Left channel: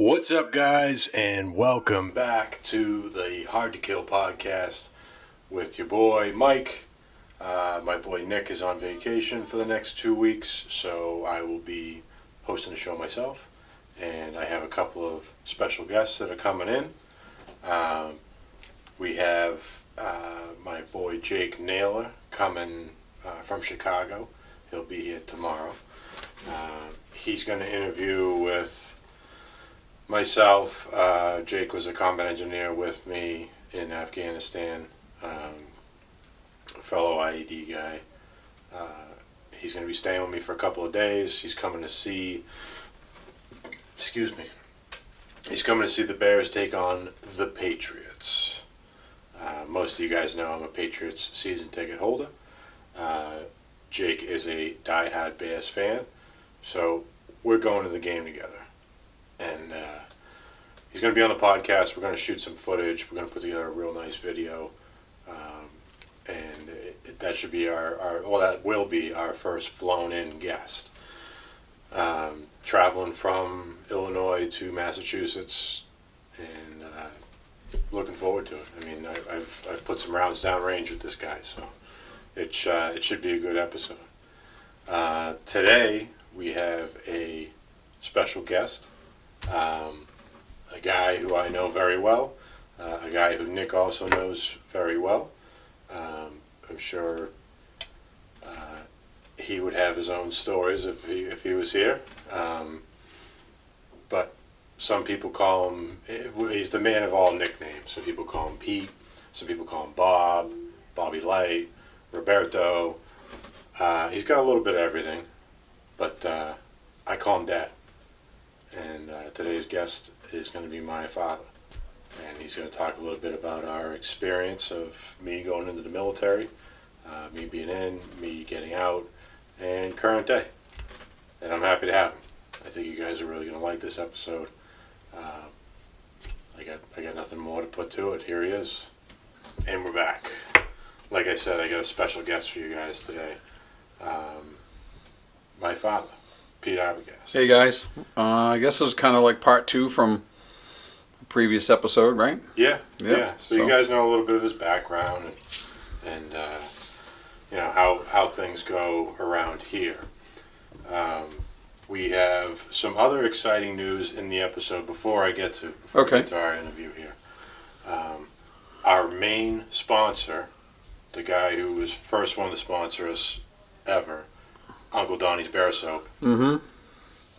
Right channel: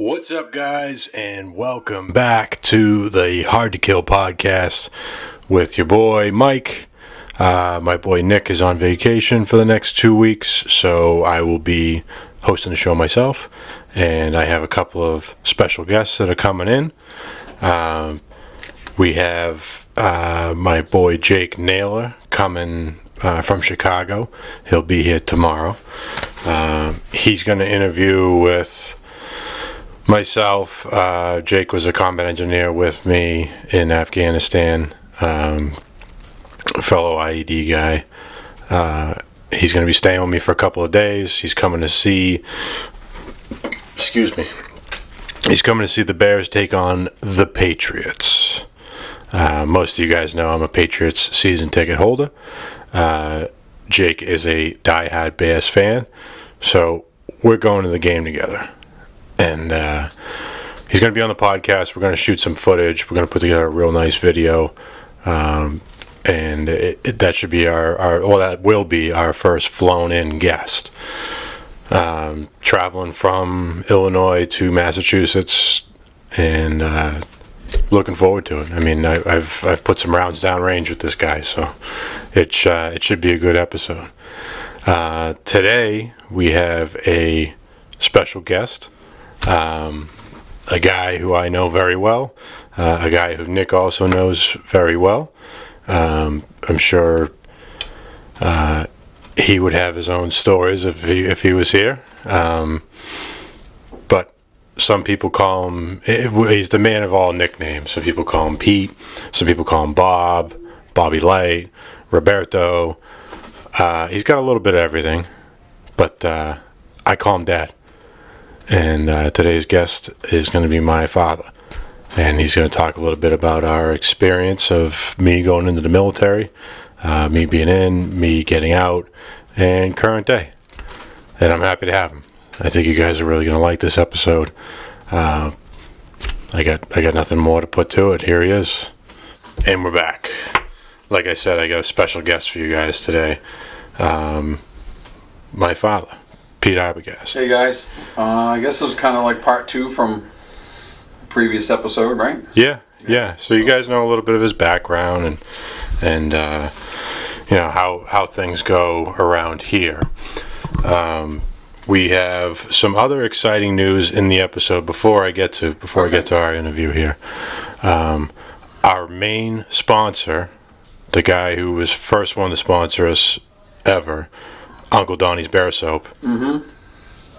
What's up, guys, and welcome back to the Hard to Kill podcast with your boy Mike. My boy Nick is on vacation for the next 2 weeks, so I will be hosting the show myself, and I have a couple of special guests that are coming in. We have my boy Jake Naylor coming from Chicago. He'll be here tomorrow. He's going to interview with myself. Jake was a combat engineer with me in Afghanistan, a fellow IED guy. He's going to be staying with me for a couple of days. He's coming to see the Bears take on the Patriots. Most of you guys know I'm a Patriots season ticket holder. Jake is a diehard Bears fan, so we're going to the game together. And he's going to be on the podcast. We're going to shoot some footage. We're going to put together a real nice video. And that should be that will be our first flown-in guest. Traveling from Illinois to Massachusetts, and looking forward to it. I mean, I've put some rounds downrange with this guy, so it should be a good episode. Today we have a special guest. A guy who I know very well, a guy who Nick also knows very well. I'm sure he would have his own stories if he was here. But some people call him, he's the man of all nicknames. Some people call him Pete, some people call him Bob, Bobby Light, Roberto. He's got a little bit of everything, but I call him Dad. And today's guest is going to be my father. And he's going to talk a little bit about our experience of me going into the military, me being in, me getting out, and current day. And I'm happy to have him. I think you guys are really going to like this episode. I got nothing more to put to it. Here he is. And we're back. Like I said, I got a special guest for you guys today. My father. Pete Arbogast. Hey guys, I guess this was kind of like part 2 from the previous episode, right? Yeah. So you guys know a little bit of his background and you know how things go around here. We have some other exciting news in the episode before I get to our interview here. Our main sponsor, the guy who was first one to sponsor us ever, Uncle Donnie's Bear Soap,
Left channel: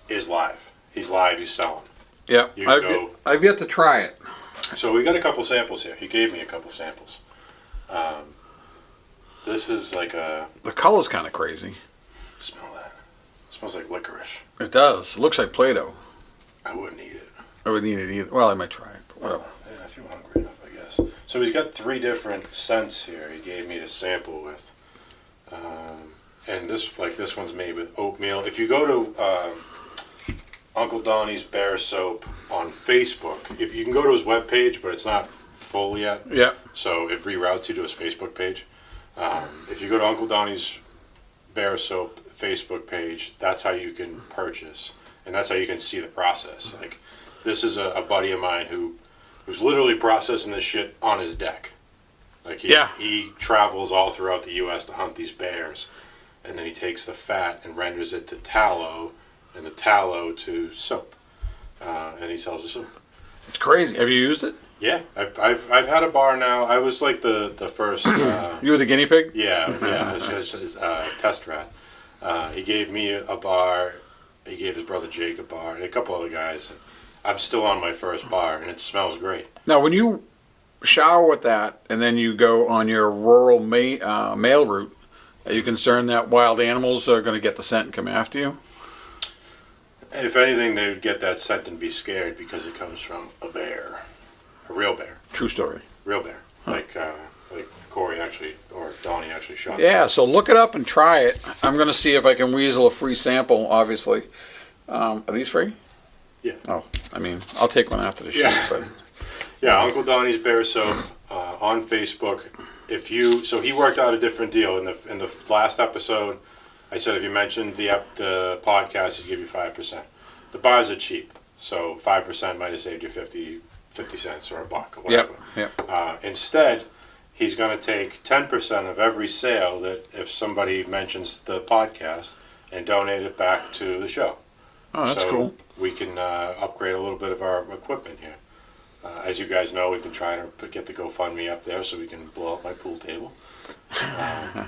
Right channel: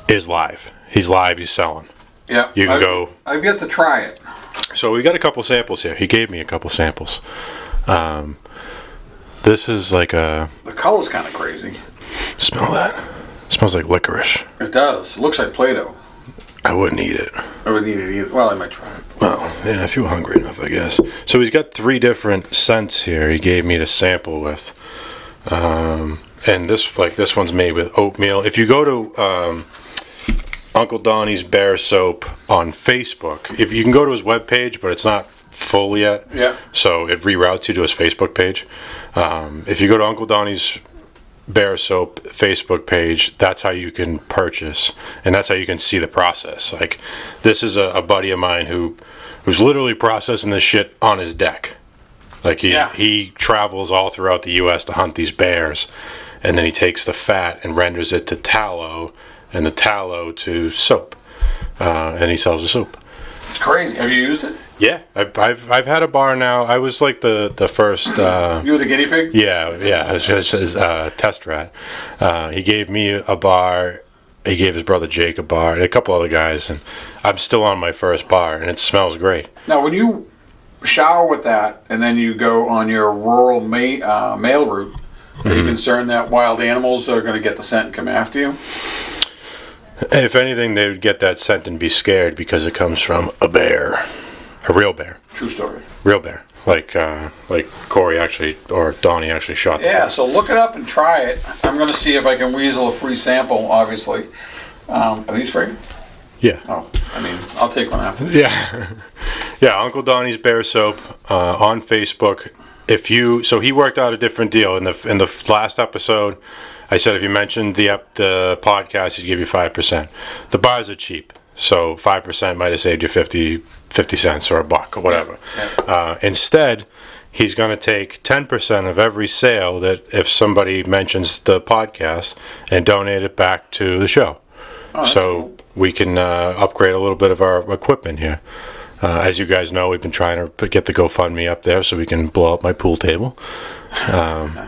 is live. He's live. He's selling. Yeah. You can go. I've yet to try it. So we got a couple samples here. He gave me a couple samples. This is like a... The color's kind of crazy. Smell that. It smells like licorice. It does. It looks like Play-Doh. I wouldn't eat it. I wouldn't eat it either. Well, I might try it. Well, yeah, if you were hungry enough, I guess. So he's got 3 different scents here he gave me to sample with. And this one's made with oatmeal. If you go to Uncle Donnie's Bear Soap on Facebook, if you can go to his webpage, but it's not full yet. Yeah. So it reroutes you to his Facebook page. If you go to Uncle Donnie's Bear Soap Facebook page, that's how you can purchase, and that's how you can see the process. Like, this is a buddy of mine who's literally processing this shit on his deck. Like he travels all throughout the U.S. to hunt these bears, and then he takes the fat and renders it to tallow, and the tallow to soap, and he sells the soap. It's crazy. Have you used it? Yeah, I've had a bar now. I was like the first. You were the guinea pig? Yeah. I was his test rat. He gave me a bar. He gave his brother Jake a bar, and a couple other guys, and I'm still on my first bar, and it smells great. Now, when you shower with that, and then you go on your rural mail route, are you concerned that wild animals are going to get the scent and come after you? If anything, they would get that scent and be scared because it comes from a bear, a real bear. True story. Real bear, like Corey actually or Donnie actually shot. Yeah, so look it up and try it. I'm going to see if I can weasel a free sample. Obviously, are these free? Yeah. Oh, I mean, I'll take one after. Yeah. Yeah, Uncle Donnie's Bear Soap on Facebook. So he worked out a different deal in the last episode. I said if you mentioned the podcast, he'd give you 5%. The bars are cheap, So 5% might have saved you 50 cents or a buck or whatever. Yeah. Instead, he's going to take 10% of every sale that if somebody mentions the podcast and donate it back to the show. Oh, that's so cool. we can upgrade a little bit of our equipment here. As you guys know, we've been trying to get the GoFundMe up there so we can blow up my pool table. I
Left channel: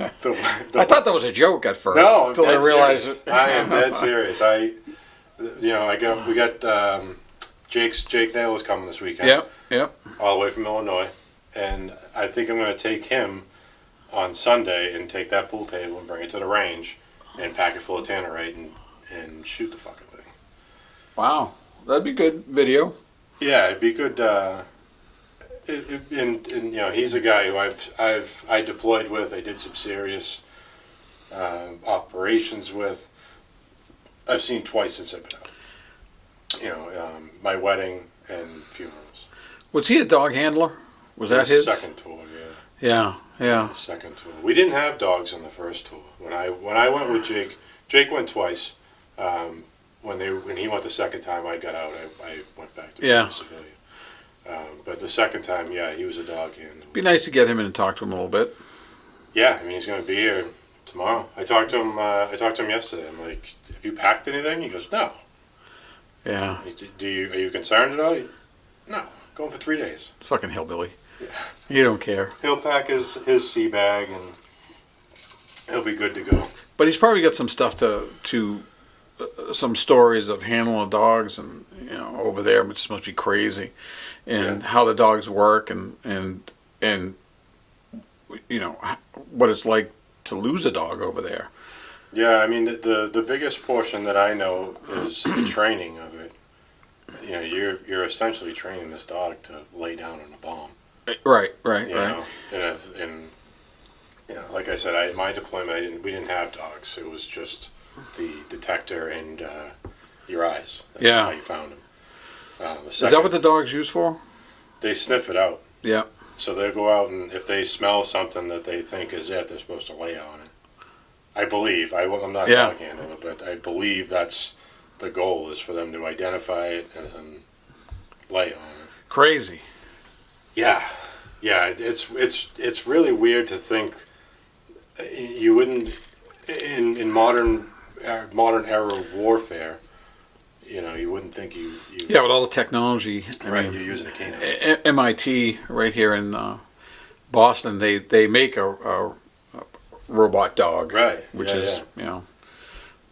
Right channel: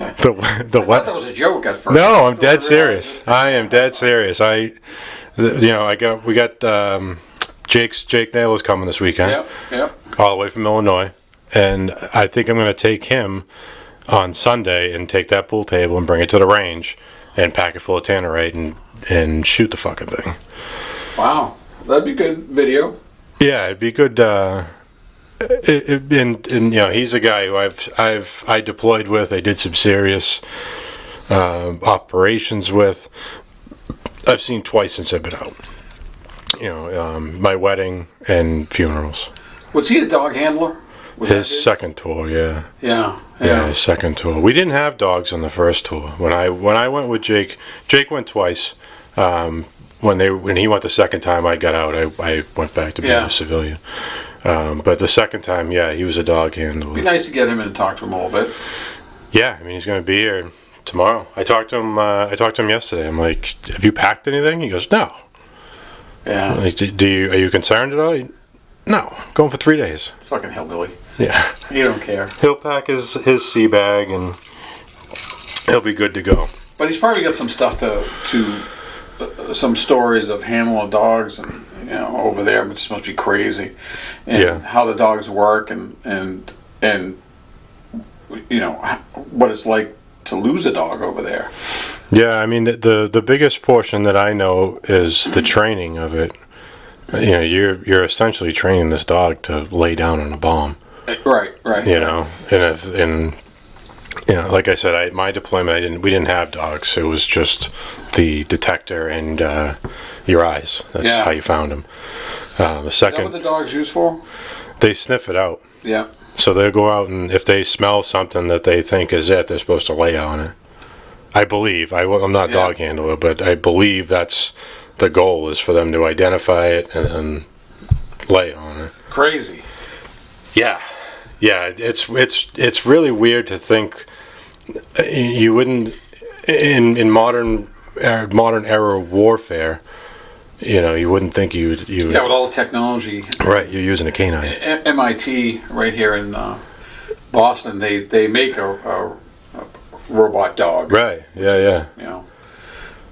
thought that was a joke at first. No, I'm until I dead realized serious. it. I am dead serious. We got Jake Nail is coming this weekend. Yep. All the way from Illinois, and I think I'm going to take him on Sunday and take that pool table and bring it to the range and pack it full of tannerite and shoot the fucking thing. Wow, that'd be good video. Yeah, it'd be good. He's a guy who I deployed with. I did some serious operations with. I've seen twice since I've been out. My wedding and funerals. Was he a dog handler? Was that His second tour, yeah. Yeah. His second tour. We didn't have dogs on the first tour. When I went with Jake went twice. When he went the second time, I got out. I went back to being a civilian. But the second time, he was a dog handler. Be nice to get him in and talk to him a little bit. Yeah, I mean he's going to be here tomorrow. I talked to him yesterday. I'm like, have you packed anything? He goes, no. Yeah. Like, are you concerned at all? No, going for 3 days. Fucking hillbilly. Yeah. You don't care. He'll pack his sea bag and he'll be good to go. But he's probably got some stuff to some stories of handling dogs and over there, which must be crazy, and how the dogs work and what it's like to lose a dog over there. Yeah, I mean the biggest portion that I know is the training of it. You're essentially training this dog to lay down on a bomb. Right. And like I said, my deployment we didn't have dogs. It was just the detector and your eyes. That's how you found them. Is that what the dog's used for? They sniff it out. Yeah. So they'll go out and if they smell something that they think is it, they're supposed to lay on it. I believe. I'm not a dog handler, but I believe that's the goal is for them to identify it and lay on it. Crazy. Yeah. It's really weird to think you wouldn't in modern era warfare. You wouldn't think you would. With all the technology. Right, you're using a canine. MIT right here in Boston, they make a robot dog. Right. Which is,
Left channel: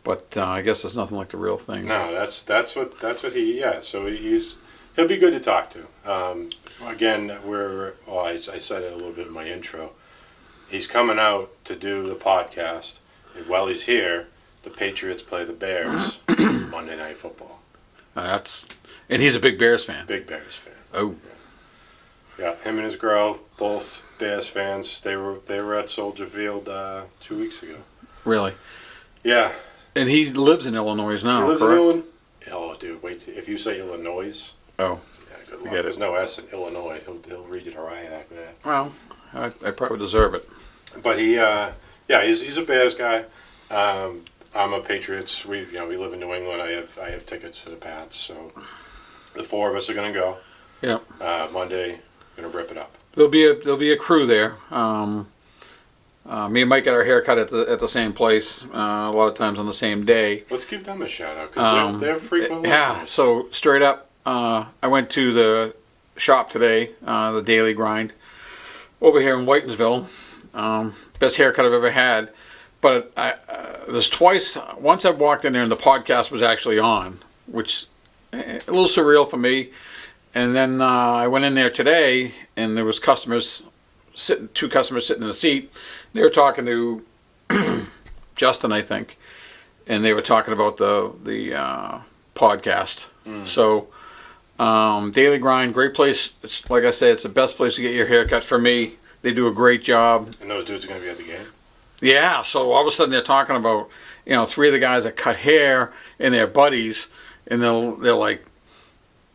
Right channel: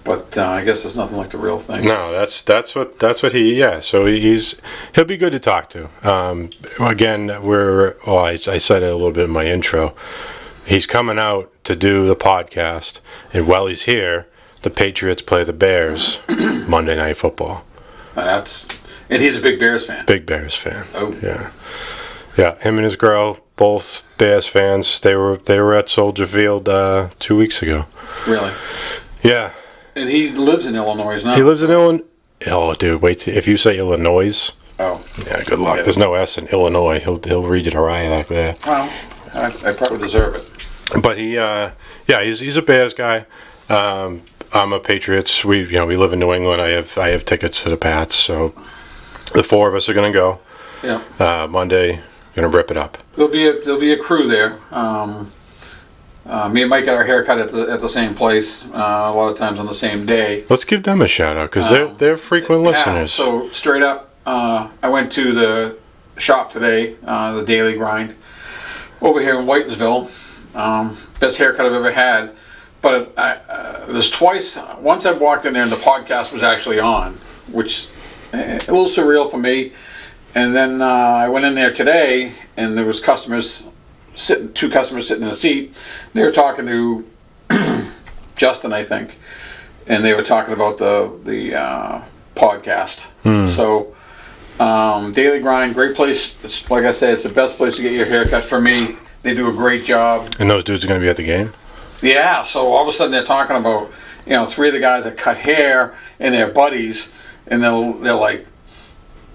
but I guess it's nothing like the real thing. No, that's what he. Yeah. So he'll be good to talk to. Again, I said it a little bit in my intro. He's coming out to do the podcast, and while he's here, the Patriots play the Bears Monday Night Football. And he's a big Bears fan. Big Bears fan. Oh. Yeah. Him and his girl, both Bears fans. They were at Soldier Field 2 weeks ago. Really? Yeah. And he lives in Illinois now. He lives in Illinois. Oh, dude, wait! If you say Illinois, yeah, good luck. Yeah. There's no S in Illinois. He'll read you to riot like that. Well, I probably deserve it. But he's a Bears guy. I'm a Patriots. We live in New England. I have tickets to the Pats, so the four of us are gonna go. Yeah. Monday, gonna rip it up. There'll be a crew there. Me and Mike got our hair cut at the same place. A lot of times on the same day. Let's give them a shout out because they're frequent listeners. So straight up, I went to the shop today, the Daily Grind, over here in Whitensville. Best haircut I've ever had. But there's twice. Once I walked in there and the podcast was actually on, which a little surreal for me. And then I went in there today, and there was two customers sitting in a seat. They were talking to Justin, I think, and they were talking about the podcast. So Daily Grind, great place. It's, like I said, it's the best place to get your hair cut for me. They do a great job. And those dudes are going to be at the game? Yeah, so all of a sudden they're talking about, three of the guys that cut hair and their buddies, and they're like,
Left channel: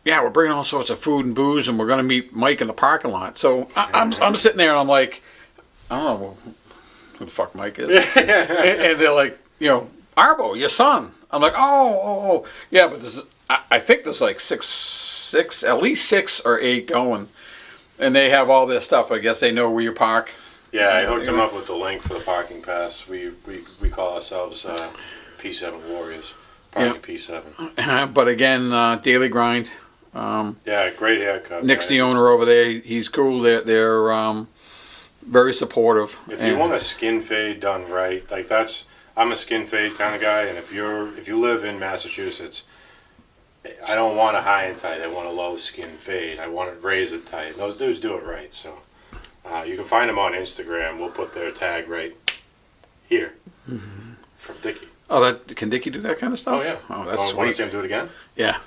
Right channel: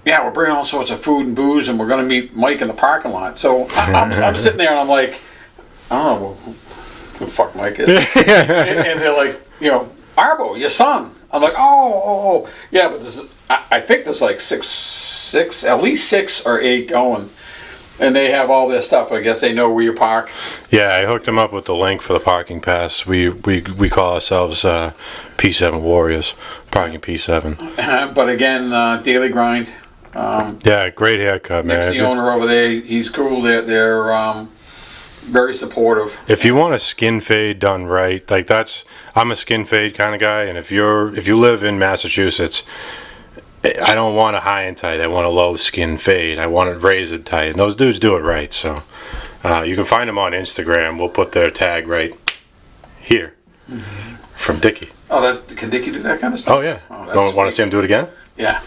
yeah, we're bringing all sorts of food and booze, and we're going to meet Mike in the parking lot. So I'm sitting there, and I'm like, I don't know who the fuck Mike is. And they're like, Arbo, your son. I'm like, yeah, but I think there's like at least 6 or 8 going. And they have all this stuff. I guess they know where you park. Yeah, I hooked them up with the link for the parking pass. We call ourselves P7 Warriors, parking P7. But again, daily grind. Yeah, great haircut, man. Nick's the owner over there. He's cool. They're very supportive. If you want a skin fade done right, like I'm a skin fade kind of guy, and if you live in Massachusetts, I don't want a high and tight. I want a low skin fade. I want it razor tight. And those dudes do it right. So you can find them on Instagram. We'll put their tag right here from Dickie. Oh, can Dickie do that kind of stuff? Oh yeah. Oh, that's Want to see him do it again? Yeah.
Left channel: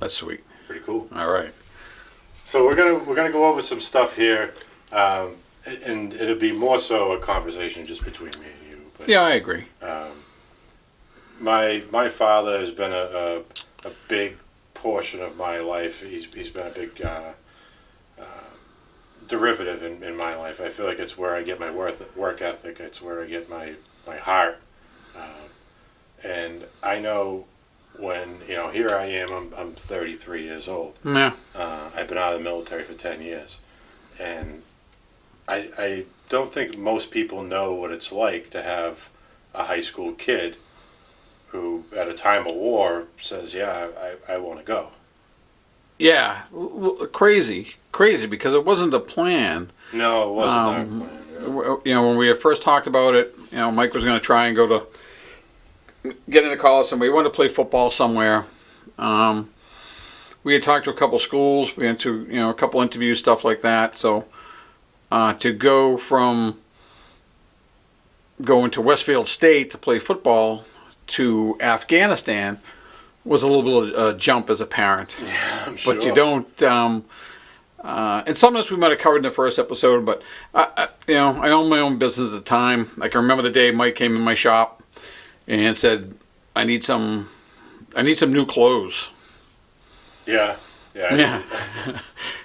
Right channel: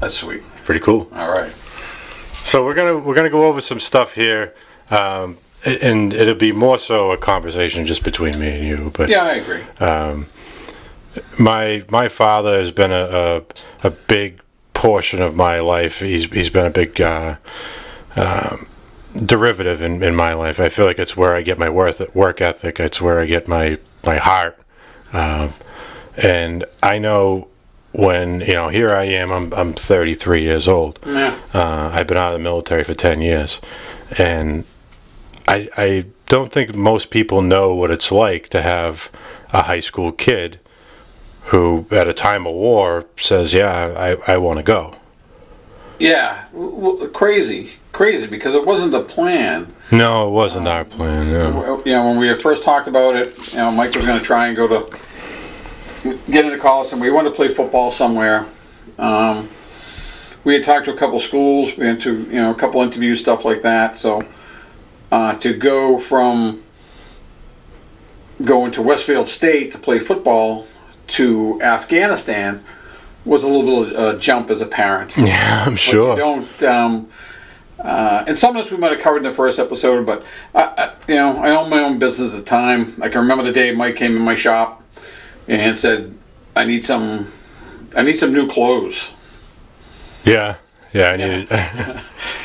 That's sweet. Pretty cool. All right. So we're gonna go over some stuff here, and it'll be more so a conversation just between me and you. But yeah, I agree. My father has been a big portion of my life. He's been a big derivative in my life. I feel like it's where I get my work ethic. It's where I get my heart. And I know when here I am. I'm 33 years old. Yeah. I've been out of the military for 10 years, and I don't think most people know what it's like to have a high school kid who, at a time of war, says, "Yeah, I want to go." Yeah, crazy, because it wasn't the plan. No, it wasn't our plan. No. When we first talked about it, Mike was going to try and get into college, and we wanted to play football somewhere. We had talked to a couple schools, we went to a couple interviews, stuff like that. So to go from going to Westfield State to play football to Afghanistan was a little jump as a parent. Yeah, I'm sure. But you don't. And sometimes we might have covered in the first episode, but I owned my own business at the time. I can remember the day Mike came in my shop and said, "I need some new clothes." Yeah. And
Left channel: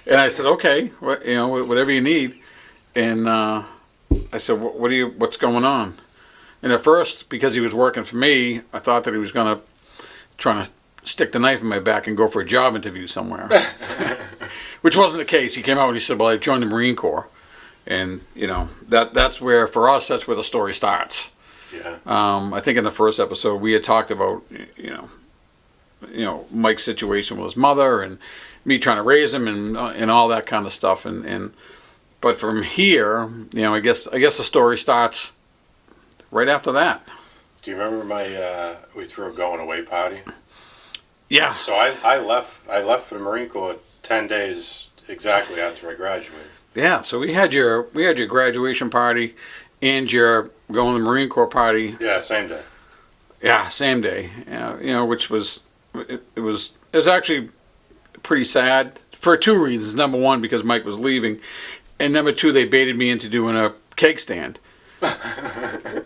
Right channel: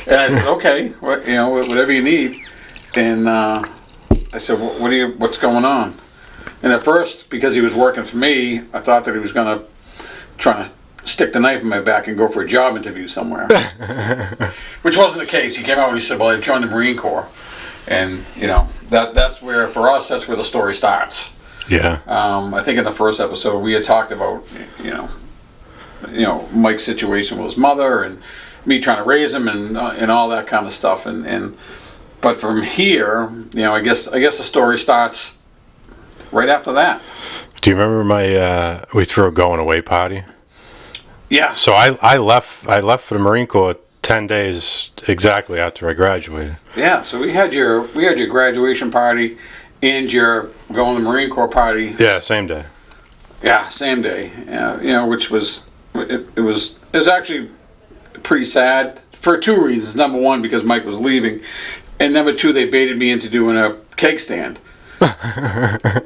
I said, "Okay, whatever you need." And I said, "What's going on?" And at first, because he was working for me, I thought that he was going to try to stick the knife in my back and go for a job interview somewhere, which wasn't the case. He came out and he said, "Well, I joined the Marine Corps," and that's where, for us, that's where the story starts. Yeah. I think in the first episode we had talked about Mike's situation with his mother and me trying to raise him and all that kind of stuff, but from here, I guess the story starts right after that. Do you remember we threw a going away party? Yeah. So I left for the Marine Corps 10 days exactly after I graduated. Yeah. So we had your graduation party and your going to the Marine Corps party. Yeah, same day. Yeah, same day. Which was it was actually pretty sad for 2 reasons. Number one, because Mike was leaving, and number two, they baited me into doing a keg stand.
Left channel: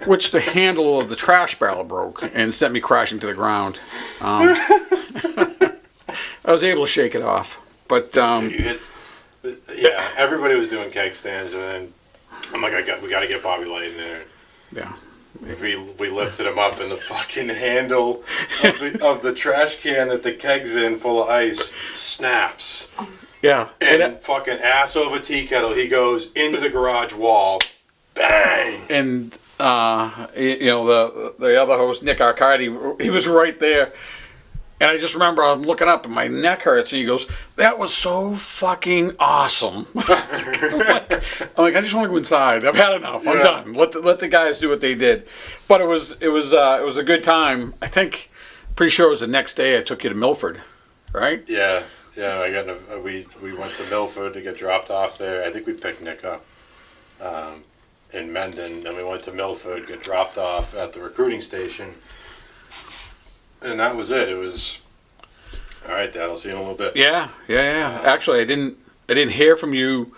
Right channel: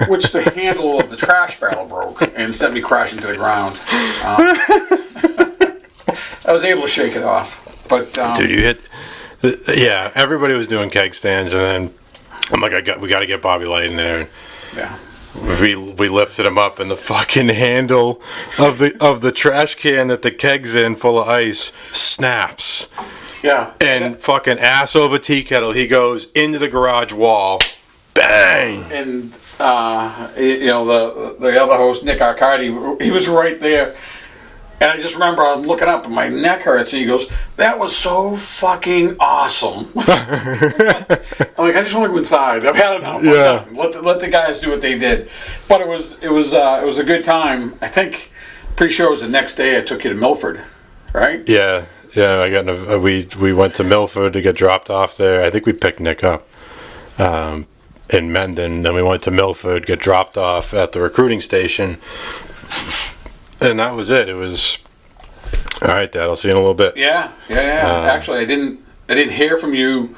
Which the handle of the trash barrel broke and sent me crashing to the ground. I was able to shake it off, but dude, you hit. Yeah, everybody was doing keg stands, and then I'm like, we got to get Bobby Light in there. Yeah, we lifted him up, and the fucking handle of the trash can that the keg's in, full of ice, snaps. Yeah, and fucking ass over tea kettle, he goes into the garage wall. Bang! And the other host, Nick Arcadi, he was right there. And I just remember I'm looking up and my neck hurts, and he goes, "That was so fucking awesome." I'm like, I just want to go inside. I've had enough. I'm done. Let the guys do what they did. But it was a good time. I think, pretty sure it was the next day I took you to Milford, right? Yeah. We went to Milford to get dropped off there. I think we picked Nick up. In Mendon, then we went to Milford, get dropped off at the recruiting station, and that was it. It was all right, Dad. I'll see you in a little bit. Yeah. Actually, I didn't hear from you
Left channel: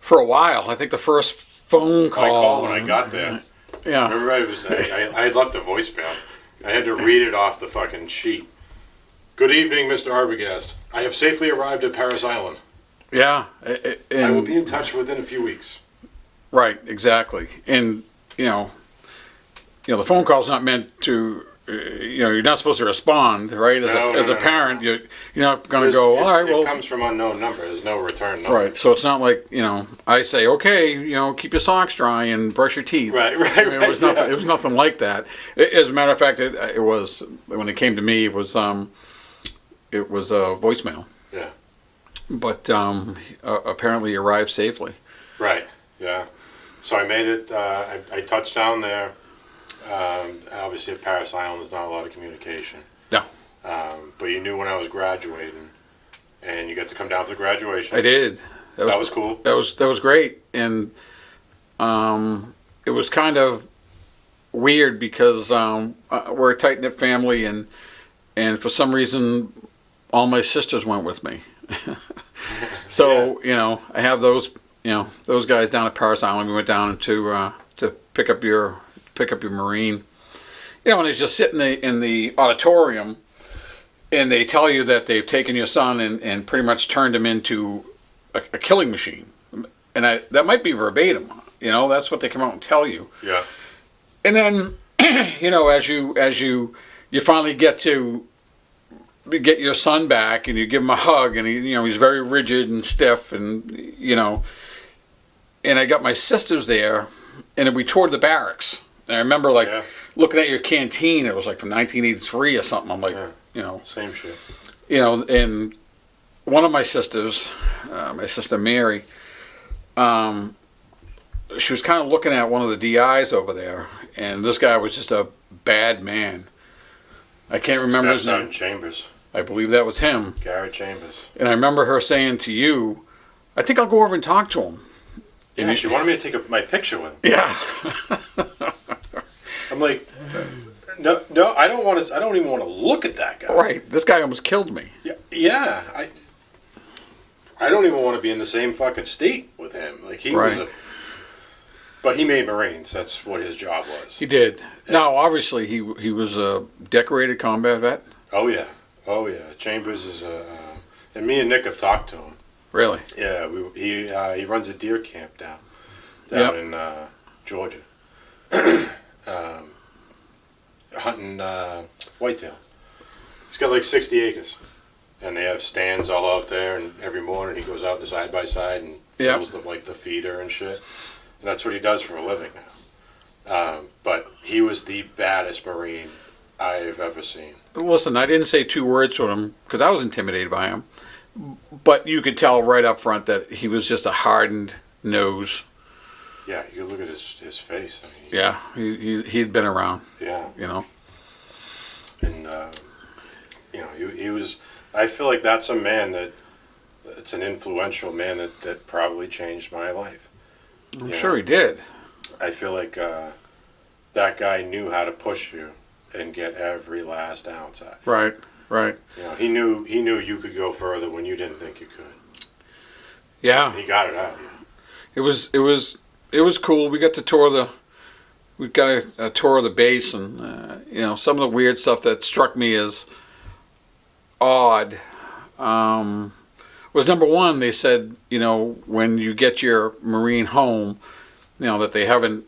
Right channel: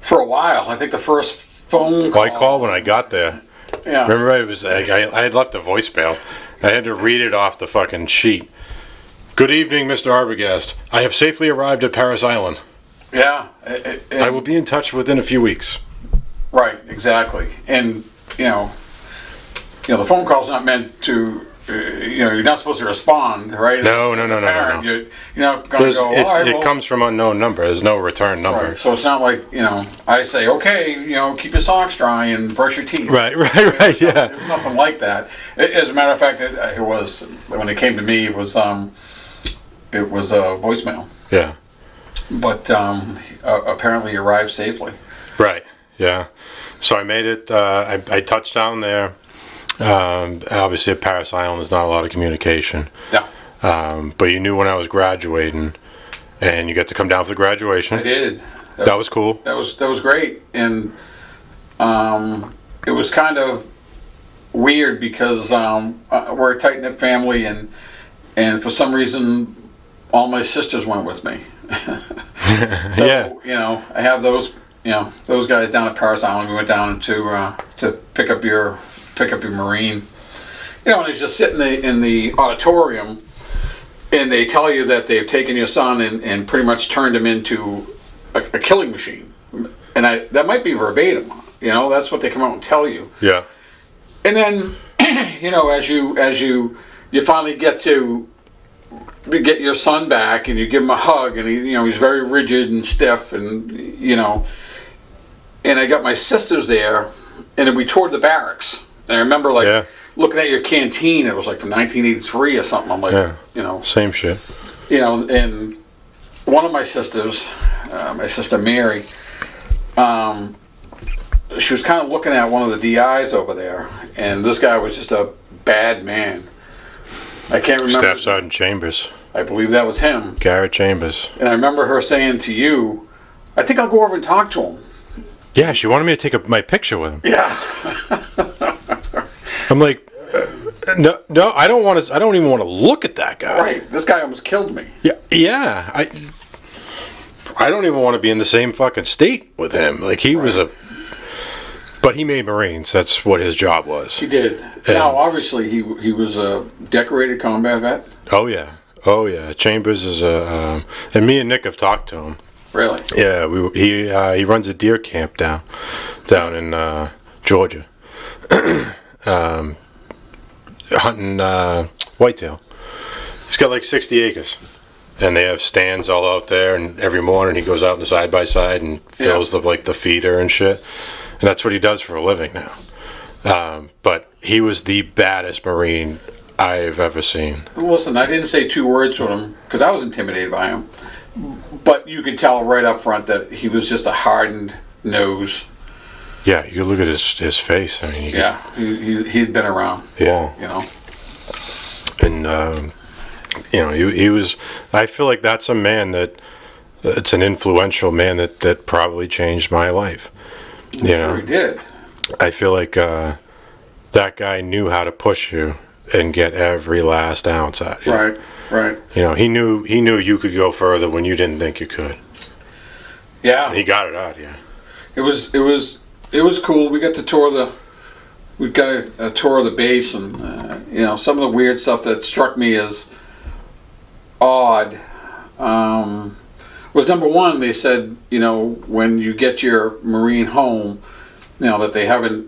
for a while. I think the first phone call. I called when I got there. Yeah. Remember, I had left a voicemail. I had to read it off the fucking sheet. "Good evening, Mr. Arbogast. I have safely arrived at Paris Island. Yeah. I will be in touch within a few weeks." Right, exactly. And, the phone call's not meant to. You're not supposed to respond, right? As a parent, you're not going to go. It comes from unknown number. There's no return number. Right. So it's not like I say, okay, keep your socks dry and brush your teeth. Right. It was nothing like that. As a matter of fact, it was when it came to me, it was a voicemail. Yeah. But apparently arrived safely. Right. Yeah. So I made it. I touched down there. Obviously at Paris Island there's not a lot of communication. Yeah. But you knew when I was graduating, and you got to come down for the graduation. I did. That was cool. That was great, and it was kind of weird because we're a tight knit family, and for some reason all my sisters went with me. So I have those guys down at Paris Island. We went down to pick up your Marine, and it's just sitting in the auditorium, and they tell you that they've taken your son and pretty much turned him into a killing machine, and that might be verbatim, that's what they come out and tell you. Yeah. And then, as you finally get your son back, and you give him a hug, and he's very rigid and stiff, and and I got my sisters there, and then we toured the barracks. And I remember looking at your canteen. It was like from 1983 or something. I'm like, same shit. And one of my sisters, my sister Mary, she was kind of looking at one of the DIs over there, and this guy was just a bad man. I can't remember. Staff Sergeant Chambers. I believe that was him. Garrett Chambers. And I remember her saying to you, "I think I'll go over and talk to him." Yeah, she wanted me to take my picture with him. Yeah. I'm like, no, I don't want to. I don't even want to look at that guy. Right. This guy almost killed me. Yeah. I don't even want to be in the same fucking state with him. Like he was but he made Marines. That's what his job was. He did. Now, obviously, he was a decorated combat vet. Oh yeah. Chambers is and me and Nick have talked to him. Really? Yeah. He runs a deer camp down in Georgia. Hunting whitetail. He's got like 60 acres, and they have stands all out there. And every morning he goes out in the side by side and fills the feeder and shit. And that's what he does for a living now. But he was the baddest Marine I've ever seen. Listen, I didn't say two words to him because I was intimidated by him. But you could tell right up front that he was just a hardened nose. Yeah, you look at his face. I mean, he'd been around. Yeah, and he was. I feel like that's a man it's an influential man that probably changed my life. I'm sure he did. I feel like that guy knew how to push you and get every last ounce out of you. Right. He knew you could go further when you didn't think you could. Yeah, and he got it out. Yeah, it was cool. We got a tour of the base, and some of the weird stuff that struck me as odd was number one. They said when you get your Marine home, that they haven't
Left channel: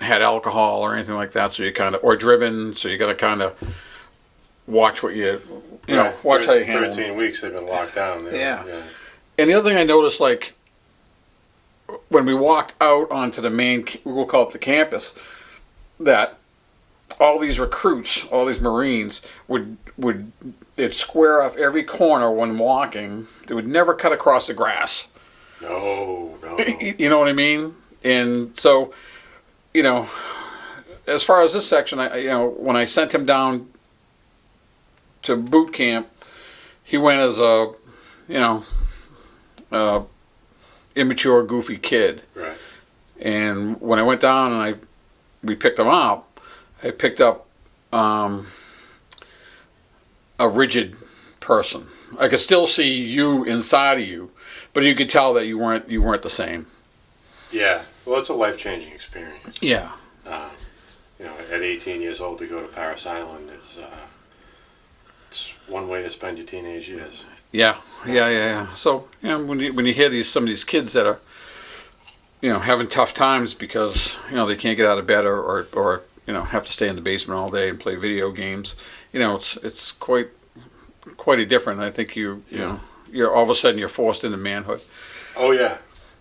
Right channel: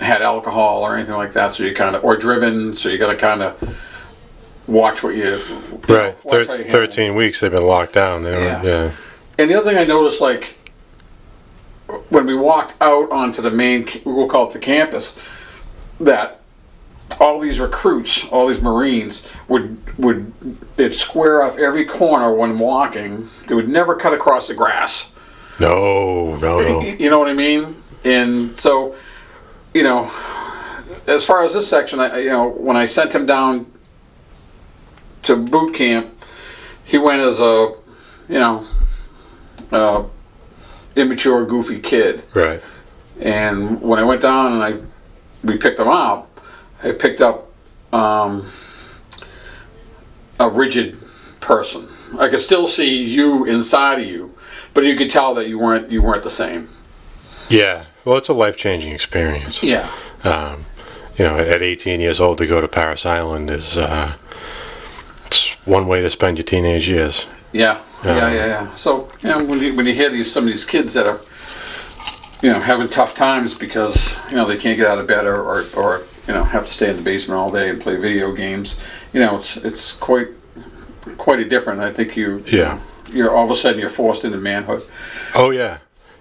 had alcohol or anything like that, so you or driven, so you got to kind of watch what you watch how you handle. 13 weeks they've been locked down. Yeah. And the other thing I noticed, like when we walked out onto the main, we'll call it the campus, that all these recruits, all these Marines they'd square off every corner when walking. They would never cut across the grass. No. You know what I mean? And so, as far as this section, when I sent him down to boot camp, he went as a immature, goofy kid. Right. And when I went down and we picked him up, I picked up a rigid person. I could still see you inside of you, but you could tell that you weren't the same. Yeah. Well, it's a life-changing experience. Yeah. At 18 years old to go to Paris Island is it's one way to spend your teenage years. Yeah. So when you hear some of these kids that are having tough times because they can't get out of bed or have to stay in the basement all day and play video games. It's quite a different. I think you're all of a sudden you're forced into manhood. Oh yeah,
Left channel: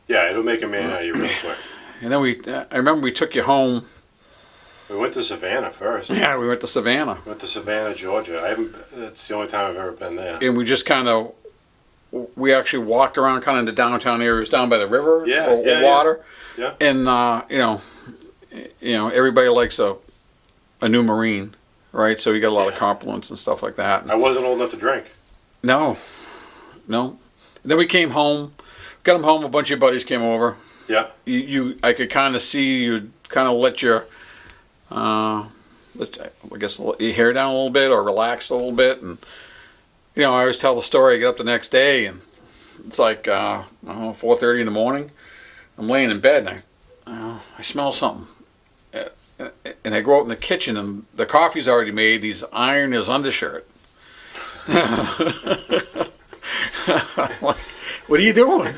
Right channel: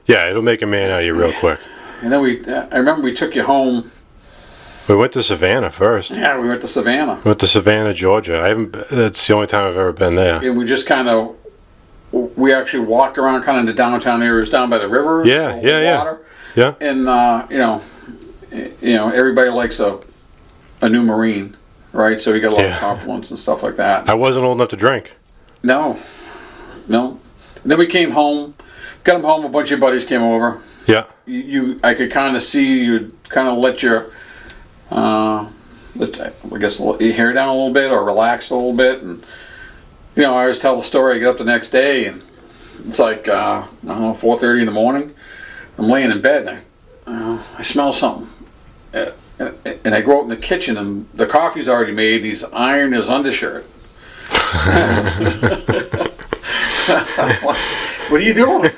yeah. It'll make a man out of you real quick. And then I remember we took you home. We went to Savannah first. Yeah, we went to Savannah. We went to Savannah, Georgia. That's the only time I've ever been there. And we just we actually walked around kind of in the downtown areas down by the river. Yeah, water. Yeah. And everybody likes a new Marine, right? So we got a lot of compliments and stuff like that. I wasn't old enough to drink. No. And then we came home, got him home. A bunch of your buddies came over. Yeah. I could kind of see you kind of let your, I guess your hair down a little bit or relaxed a little bit, and I always tell the story. I get up the next day and it's like 4:30 in the morning. I'm laying in bed and I smell something, and I go out in the kitchen and the coffee's already made. He's ironing his undershirt. What are you doing?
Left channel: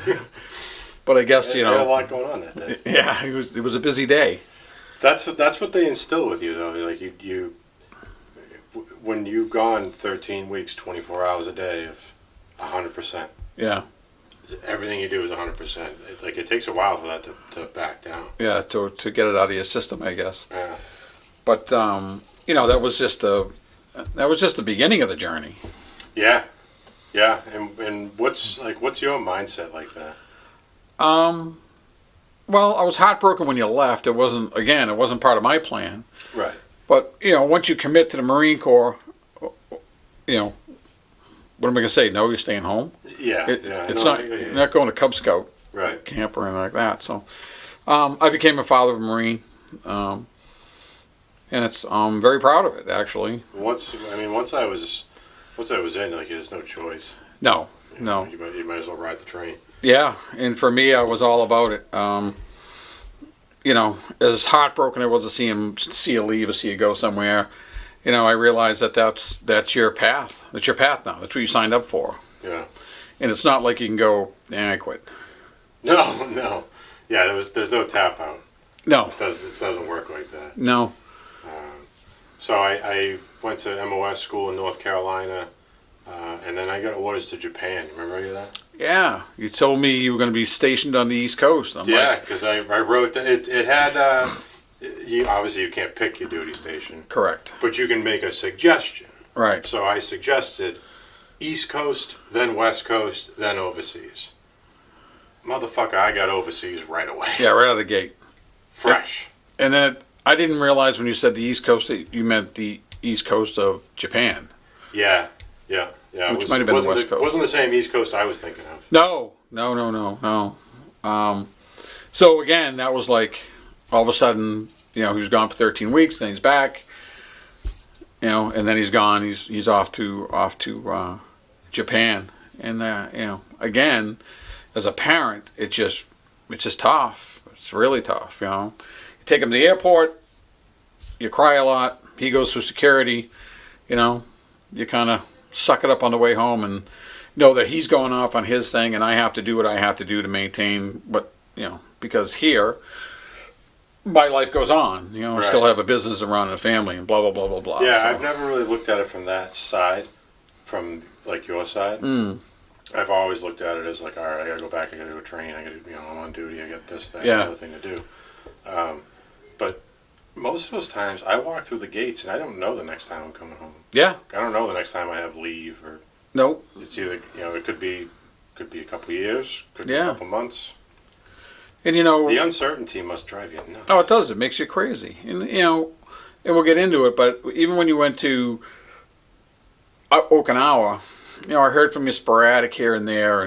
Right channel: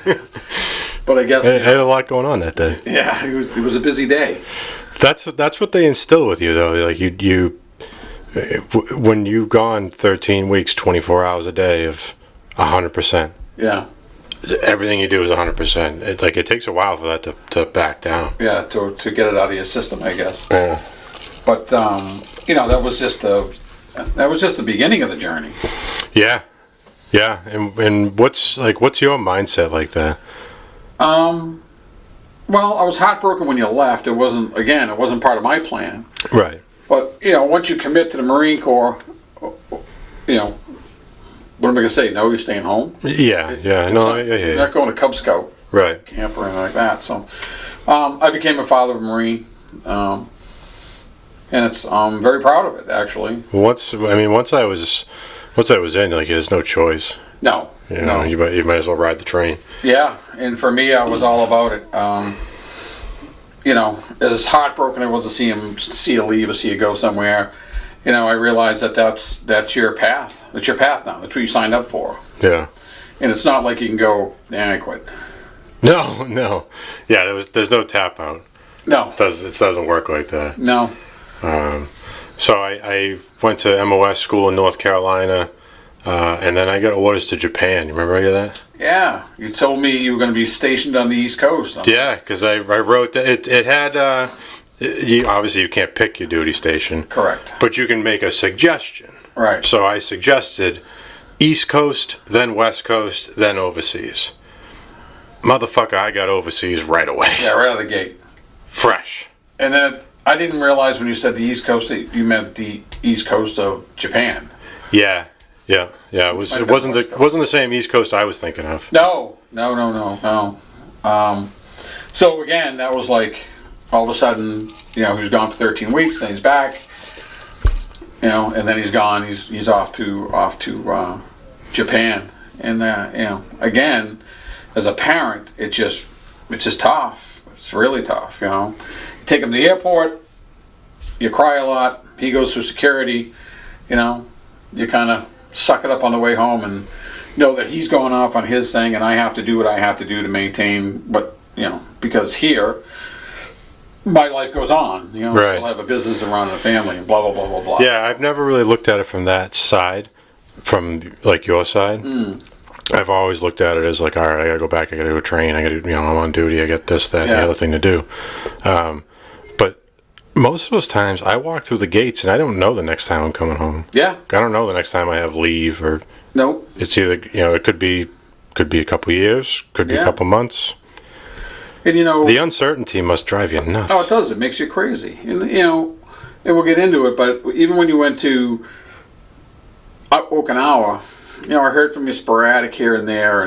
But I guess I had a lot going on that day. Yeah, it was a busy day. That's what they instill with you, though. Like you when you've gone 13 weeks, 24 hours a day of 100%. Yeah. Everything you do is 100%. It takes a while for that to back down. Yeah, to get it out of your system, I guess. Yeah. But that was just the beginning of the journey. Yeah. Yeah. And what's your mindset like that? Well, I was heartbroken when you left. It wasn't part of my plan. Right. But, once you commit to the Marine Corps, what am I going to say? No, you're staying home? Yeah, You're not going to Cub Scout camp or anything like that. So I became a father of a Marine, and I'm very proud of it, actually. Once I was in, there's no choice. No. No. You might as well ride the train. Yeah, and for me, I was all about it. As heartbroken I was to see you leave or see you go somewhere, I realized that's your path. That's your path now. That's what you signed up for. Yeah. And it's not like you can go, I quit. No. Yeah, there's no tap out. No. It doesn't work like that. No. So I went to MOS school in North Carolina, and then I got orders to Japan. You remember any of that? Yeah, you told me you were going to be stationed on the East Coast. Yeah, because I wrote that it had. Obviously, you can't pick your duty station. Correct. But you can make a suggestion. Right. So I suggested East Coast, then West Coast, then overseas. Motherfucker, I got overseas right away. Yeah, right out of the gate. Fresh. And then I didn't realize when you said the East Coast that you meant the East Coast of Japan. Yeah. It wasn't the same East Coast I was thinking of. No. So again, that was like all of a sudden, he was gone for 13 weeks, then he's back, and then he's gone. He's off to Japan, and again, as a parent, it's just tough. It's really tough. You take him to the airport, you cry a lot. He goes through security. You kind of suck it up on the way home and know that he's going off on his thing, and I have to do what I have to do to maintain what, because here my life goes on. I still have a business around the family and blah blah blah blah blah. Yeah, so. I've never really looked at it from that side, from like your side. I've always looked at it as like, all right, I gotta go back, I gotta go train, I gotta, I'm on duty, I got this, that, and the other thing to do. But most of those times, I walk through the gates and I don't know the next time I'm coming home. Yeah. I don't know the next time I have leave or. Nope. It's either it could be a couple of years, could be a couple months. And the uncertainty must drive you nuts. Oh, it does. It makes you crazy. And and we'll get into it. But even when you went to Okinawa, I heard from you sporadic here and there,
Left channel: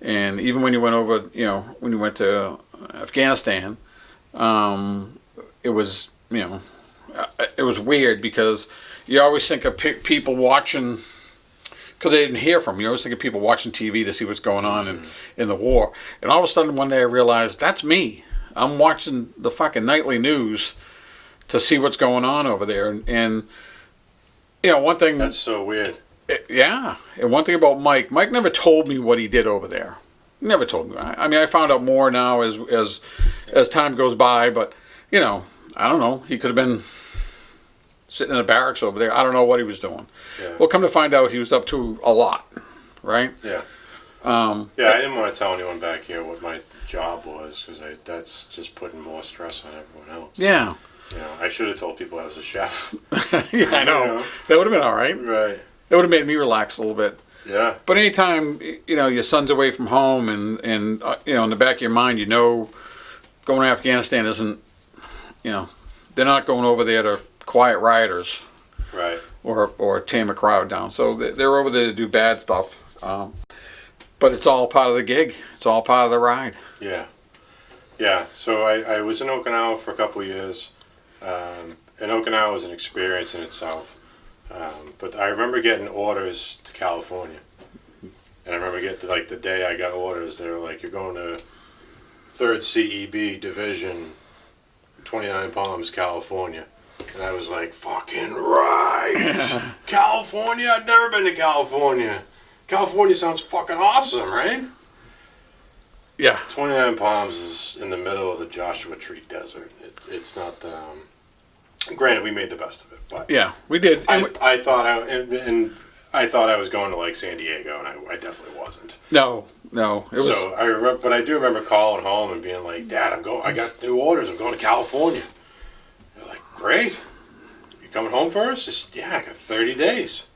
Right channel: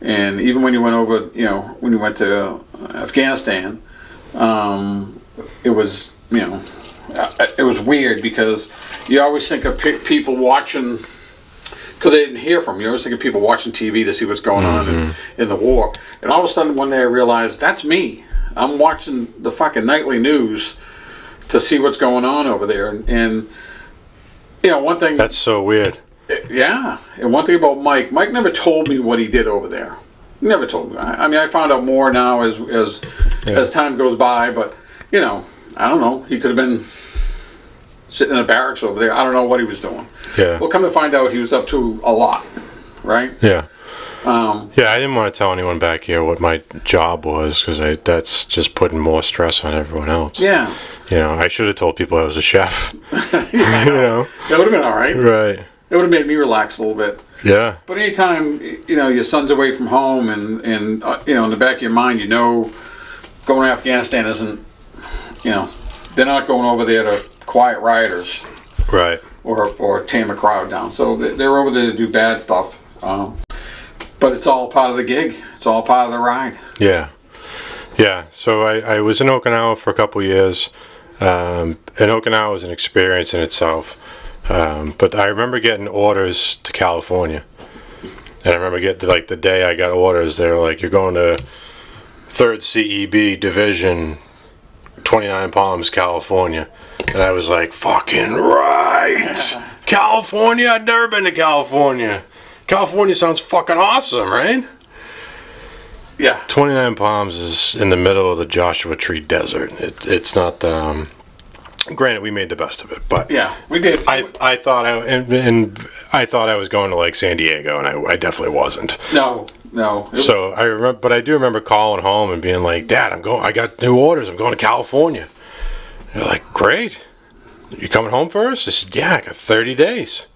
and even when you went over, when you went to Afghanistan, it was it was weird because you always think of people watching. Because they didn't hear from you. I always think of people watching TV to see what's going on in the war. And all of a sudden one day I realized, that's me. I'm watching the fucking nightly news to see what's going on over there. And one thing... That's so weird. Yeah. And one thing about Mike never told me what he did over there. He never told me. I mean, I found out more now as time goes by. But, I don't know. He could have been sitting in the barracks over there. I don't know what he was doing. Yeah. Well, come to find out, he was up to a lot, right? Yeah. Yeah, I didn't want to tell anyone back here what my job was because that's just putting more stress on everyone else. Yeah. You know, I should have told people I was a chef. Yeah, I know. That would have been all right. Right. It would have made me relax a little bit. Yeah. But anytime, you know, your son's away from home and you know, in the back of your mind, you know, going to Afghanistan isn't, you know, they're not going over there to quiet rioters. Right. Or tame a crowd down. So they're over there to do bad stuff. But it's all part of the gig. It's all part of the ride. Yeah. Yeah. So I was in Okinawa for a couple of years. And Okinawa was an experience in itself. But I remember getting orders to California. And I remember getting, like, the day I got orders, they were like, you're going to 3rd CEB Division, 29 Palms, California. And I was like, fucking right! California? I'd never been to California. California sounds fucking awesome, right? Yeah. 29 Palms is in the middle of the Joshua Tree Desert. It's not the... granted, we made the best of it, but... Yeah, we did. I thought I thought I was going to, like, San Diego, and I definitely wasn't. No. So I remember, but I do remember calling home and being like, Dad, I got new orders. I'm going to California. They're like, great. You coming home first? I said, yeah, I got 30 days.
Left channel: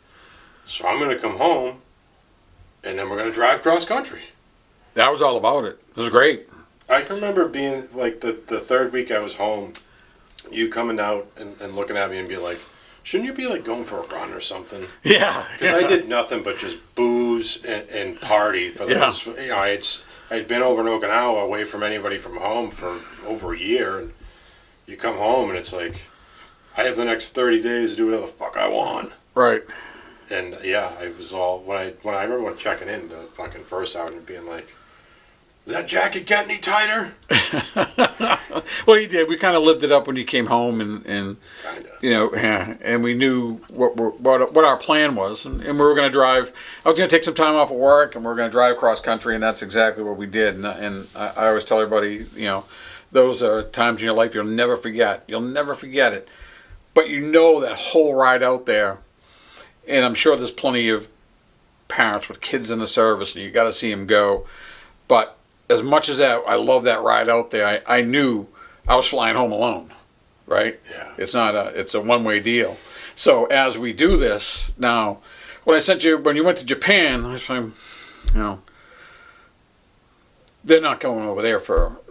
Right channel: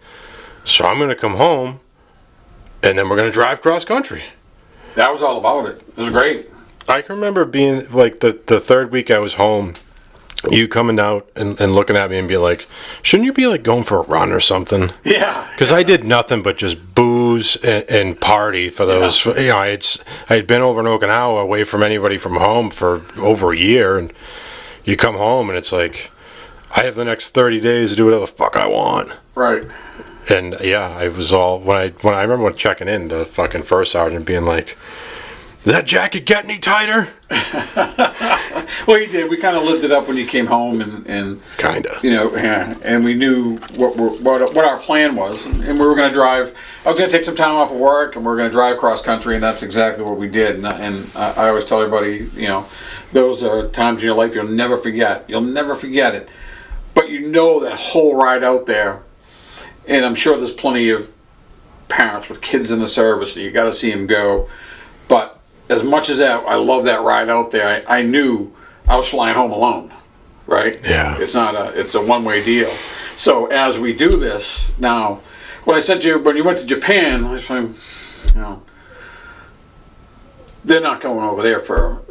So I'm going to come home, and then we're going to drive cross country. That was all about it. It was great. I can remember being, like, the third week I was home, you coming out and looking at me and be like, shouldn't you be, like, going for a run or something? Yeah. Because I did nothing but just booze and party for those. Yeah. You know, I had been over in Okinawa away from anybody from home for over a year, and you come home and it's like, I have the next 30 days to do whatever the fuck I want. Right. And yeah, I was all when I remember when checking in, the fucking first sergeant being like, "Does that jacket get any tighter?" Well, you did. We kind of lived it up when you came home, and kinda. You know, and we knew what our plan was, and we were going to drive. I was going to take some time off of work, and we were going to drive cross country, and that's exactly what we did. And I always tell everybody, you know, those are times in your life you'll never forget. You'll never forget it. But you know that whole ride out there, and I'm sure there's plenty of parents with kids in the service, and you got to see them go. But as much as that, I love that ride out there. I knew I was flying home alone, right? Yeah. It's a one-way deal. So as we do this now, when I sent you when you went to Japan, I was saying, you know, they're not going over there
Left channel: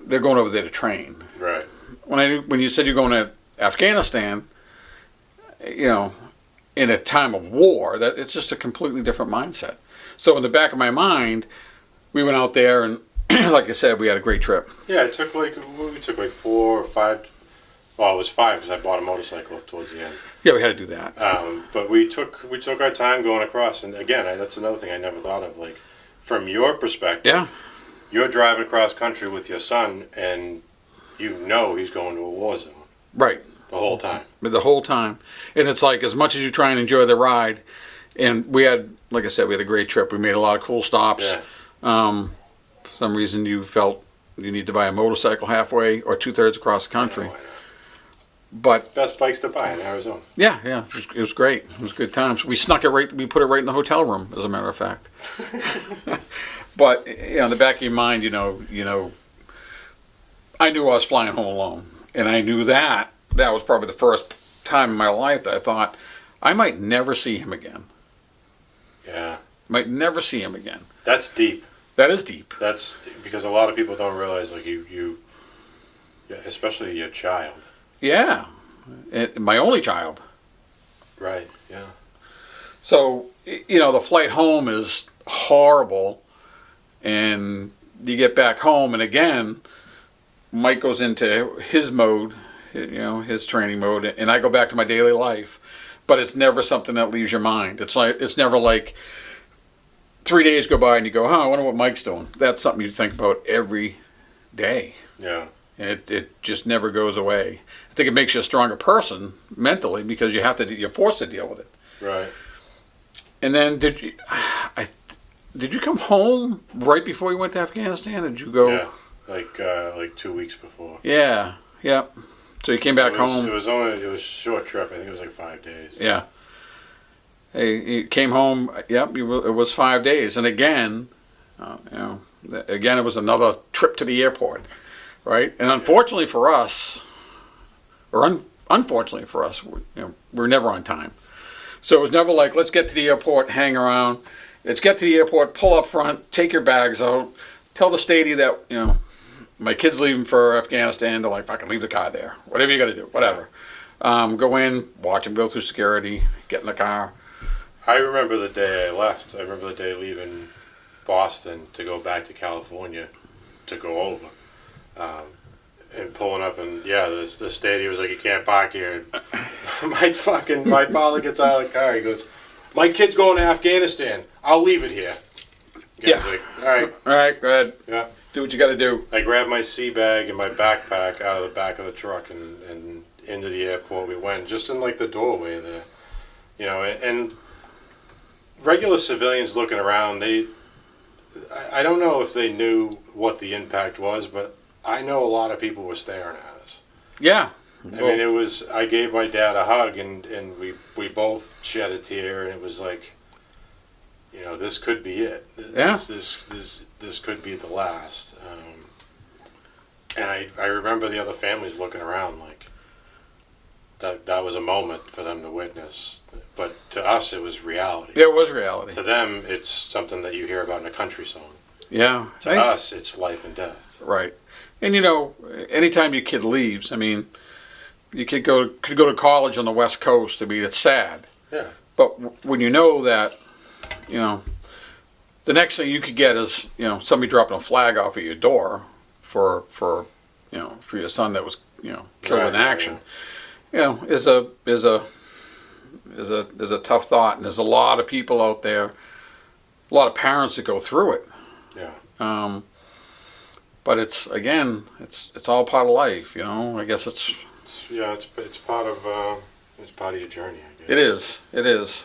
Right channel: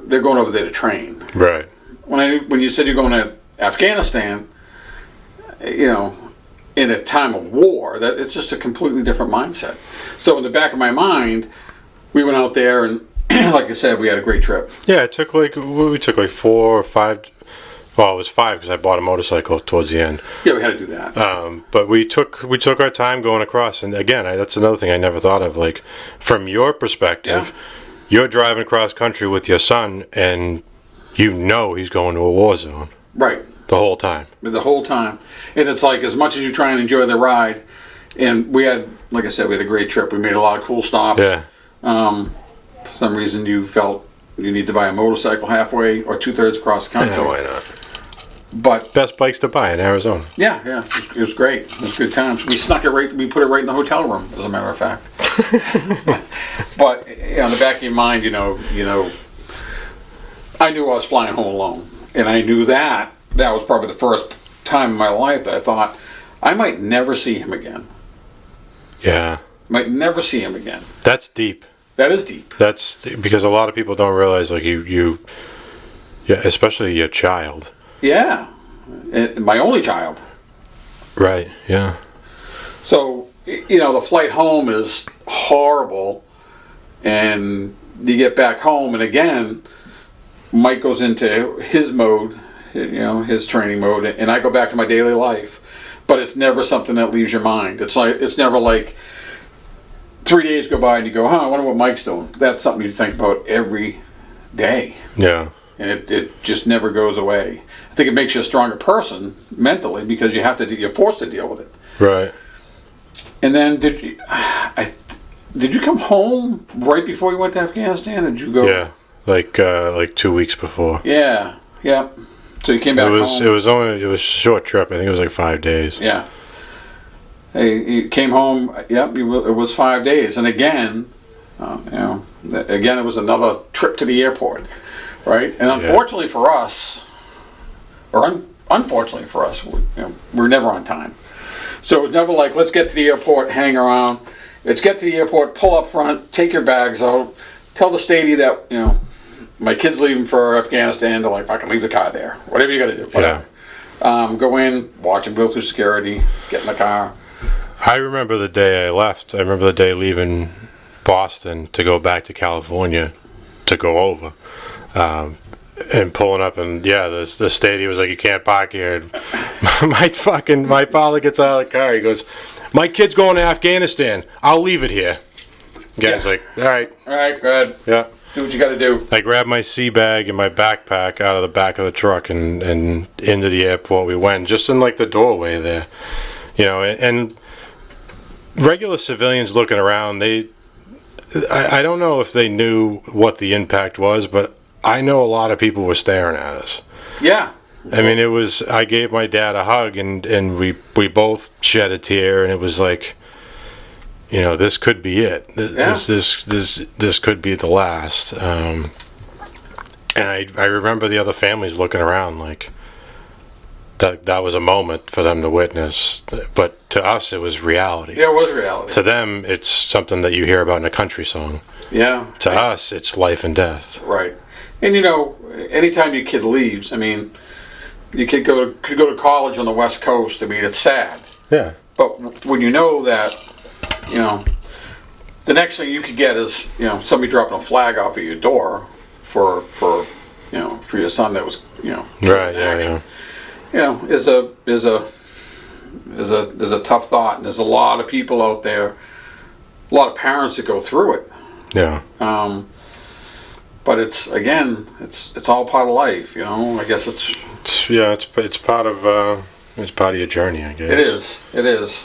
they're going over there to train. Right. When you said you're going to Afghanistan, you know, in a time of war, that it's just a completely different mindset. So in the back of my mind, we went out there and, like I said, we had a great trip. Yeah, we took like 4 or 5. Well, it was 5 because I bought a motorcycle towards the end. Yeah, we had to do that. But we took our time going across, and again, that's another thing I never thought of. Like, from your perspective, you're driving across country with your son, and you know he's going to a war zone. Right. The whole time. The whole time. And it's like, as much as you try and enjoy the ride, and we had, like I said, we had a great trip. We made a lot of cool stops. Yeah. For some reason you felt you need to buy a motorcycle halfway or 2/3 across the country. Yeah, why not? But best bikes to buy in Arizona. Yeah. It was great. It was good times. We snuck it right, we put it right in the hotel room, as a matter of fact. But, you know, in the back of your mind, you know, I knew I was flying home alone. And I knew that was probably the first time in my life that I thought, I might never see him again. Yeah. Might never see him again. That's deep. That is deep. That's because a lot of people don't realize, like, you especially your child. Yeah. My only child. Right, yeah. So, you know, the flight home is horrible, and you get back home, and again, Mike goes into his mode, you know, his training mode, and I go back to my daily life. But it's never something that leaves your mind. It's never like 3 days go by and you go, I wonder what Mike's doing. That's something you think about every day. Yeah. And it just never goes away. I think it makes you a stronger person mentally because you're forced to deal with it. Right. And then did you come home right before you went to Afghanistan? Or did you go? Yeah, like 2 weeks before. Yeah. So you came back home. It was a short trip. I think it was like 5 days. Yeah. He came home. Yep, it was 5 days, and again, again it was another trip to the airport, right? And unfortunately for us, or unfortunately for us, we're never on time. So it was never like, let's get to the airport, hang around. Let's get to the airport, pull up front, take your bags out, tell the statey that my kid's leaving for Afghanistan. They're like, fucking leave the car there. Whatever you got to do, whatever. Yeah. Go in, watch him go through security, get in the car. I remember the day I left. I remember the day leaving Boston to go back to California to go over. And pulling up, and the statey was like, you can't park here. My father gets out of the car. He goes, my kid's going to Afghanistan. I'll leave it here. The guy's like, all right, go ahead. Yeah. Do what you got to do. I grabbed my sea bag and my backpack out of the back of the truck and into the airport we went, just in like the doorway there. And regular civilians looking around, I don't know if they knew what the impact was, but I know a lot of people were staring at us. Yeah. I mean, I gave my dad a hug, and we both shed a tear, and it was like, this could be it. This could be the last. And I remember the other families looking around like that was a moment for them to witness. But to us, it was reality. Yeah, it was reality. To them, it's something that you hear about in a country song. Yeah. To us, it's life and death. Right. And anytime your kid leaves, I mean, your kid could go to college on the West Coast. I mean, it's sad. Yeah. But when you know that, the next thing you could get is, somebody dropping a flag off at your door for your son that was, killed in action. Is a tough thought, and there's a lot of people out there, a lot of parents that go through it. Yeah. But it's all part of life, I guess it's part of your journey, I guess. It is.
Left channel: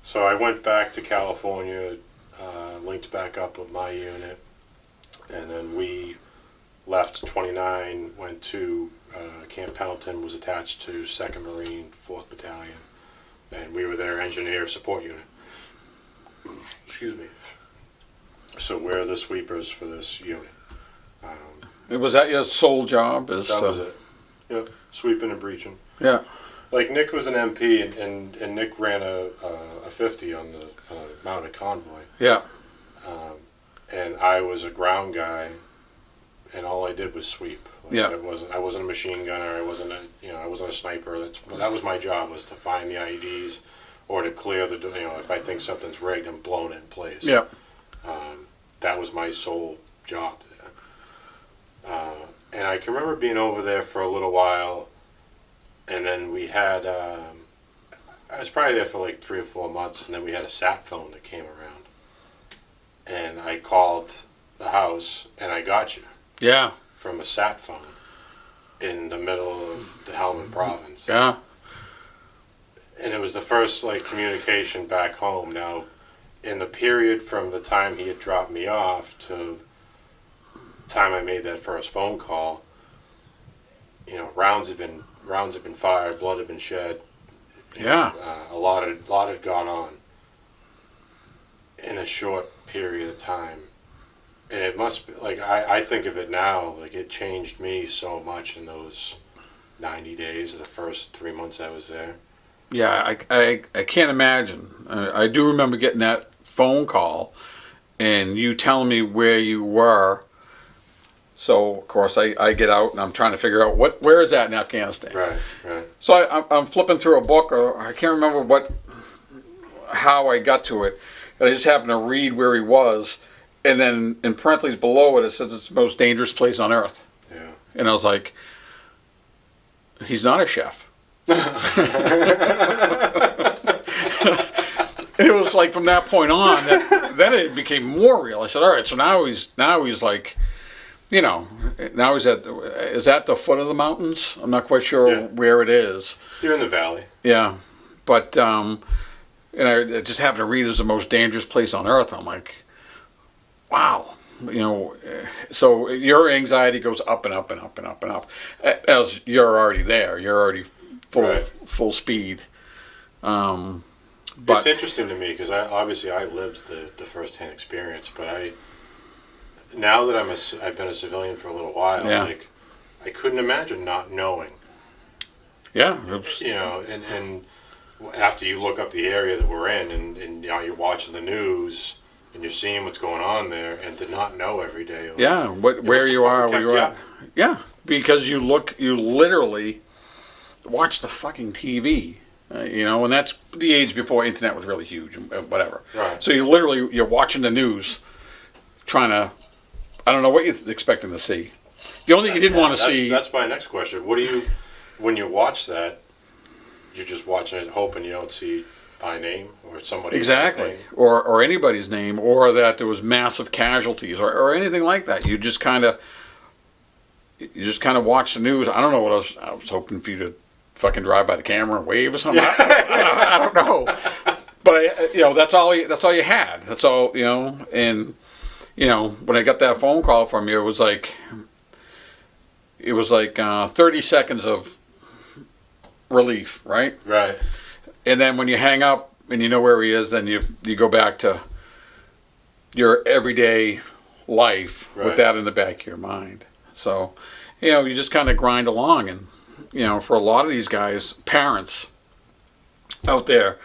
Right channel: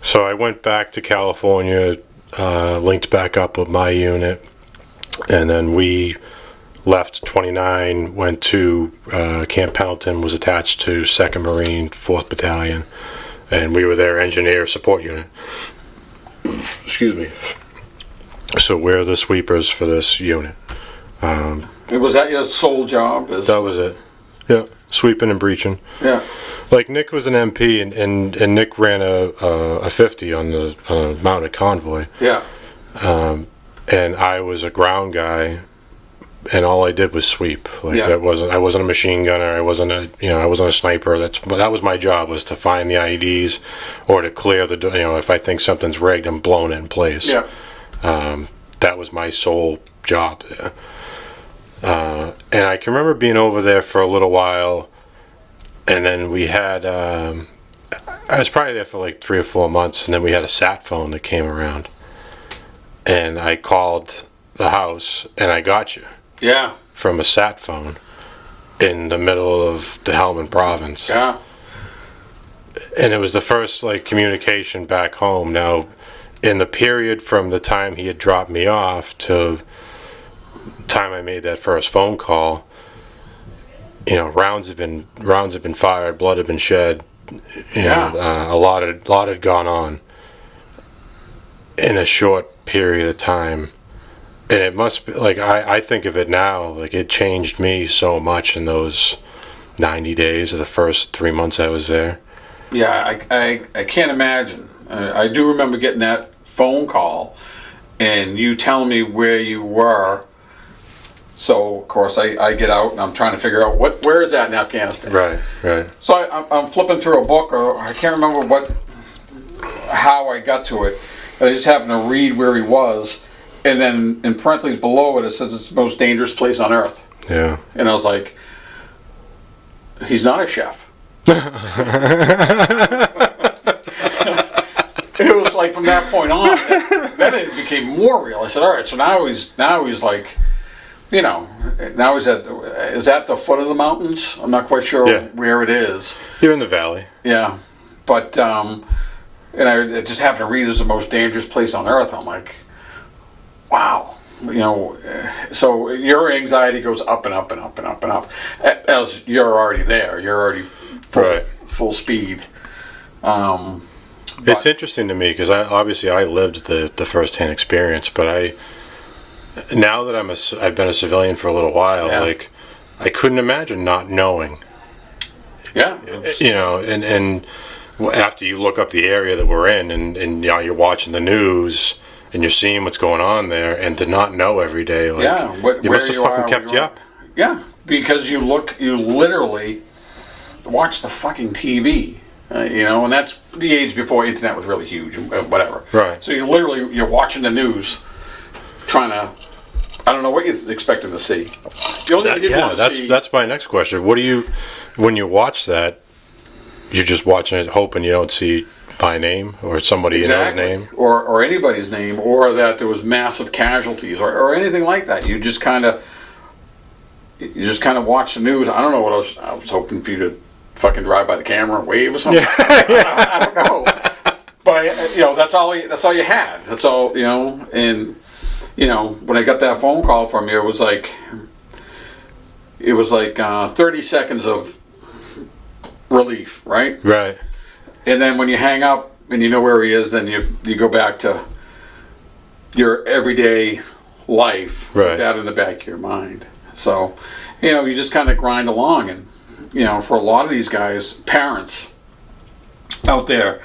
So I went back to California, linked back up with my unit, and then we left 29, went to Camp Pendleton, was attached to 2nd Marine, 4th Battalion, and we were their engineer support unit. Excuse me. So we're the sweepers for this unit. Was that your sole job? That was it. Yeah, sweeping and breaching. Yeah. Like Nick was an MP, and Nick ran a 50 on the mounted convoy. Yeah. And I was a ground guy, and all I did was sweep. I wasn't a machine gunner. I wasn't a sniper. That was my job, was to find the IEDs or to clear the if I think something's rigged and blown in place. Yeah. That was my sole job there. And I can remember being over there for a little while, and then we had, I was probably there for like 3 or 4 months, and then we had a sat phone that came around, and I called the house, and I got you. Yeah. From a sat phone in the middle of the Helmand province. Yeah. And it was the first communication back home. Now, in the period from the time he had dropped me off to time I made that first phone call, rounds had been fired, blood had been shed. A lot had gone on in a short period of time, and it must be I think of it now it changed me so much in those 90 days of the first 3 months I was there. Yeah, I can't imagine. I do remember getting that phone call, and you telling me where you were. So, of course, I get out, and I'm trying to figure out where is that in Afghanistan. Right. So I'm flipping through a book, or I can't remember how I got to it. And I just happened to read where he was, and then in parentheses below it says it's the most dangerous place on earth. Yeah. And I was like, he's not a chef. It was from that point on, then it became more real. I said, all right, so now he's now he's at the foot of the mountains. I'm not quite sure where it is. You're in the valley. Yeah, but and I just happened to read it's the most dangerous place on earth. I'm like, wow. so your anxiety goes up and up and up and up and up as you're already there. You're already full speed. It's interesting to me because I lived the first-hand experience, but now that I've been a civilian for a little while, like I couldn't imagine not knowing. Yeah. And after you look up the area that we're in, and you're watching the news and you're seeing what's going on there, and to not know every day, like where you are, kept you up. Yeah, because you literally watch the fucking TV. And that's the age before internet was really huge, whatever. Right. So you're watching the news, trying to, I don't know what you're expecting to see. The only thing you didn't want to see. That's my next question. When you watch that, you're just watching it, hoping you don't see my name or somebody else's name, or anybody's name, or that there was massive casualties, or anything like that. You just kind of watch the news. I don't know what I was hoping for you to fucking drive by the camera and wave or something. I don't know. But that's all you had. That's all, and when I got that phone call from you, it was like 30 seconds of relief, right? Right. And then when you hang up and you know where he is, then you go back to your everyday life with that in the back of your mind. So, you just kind of grind along. And for a lot of these guys, parents out there,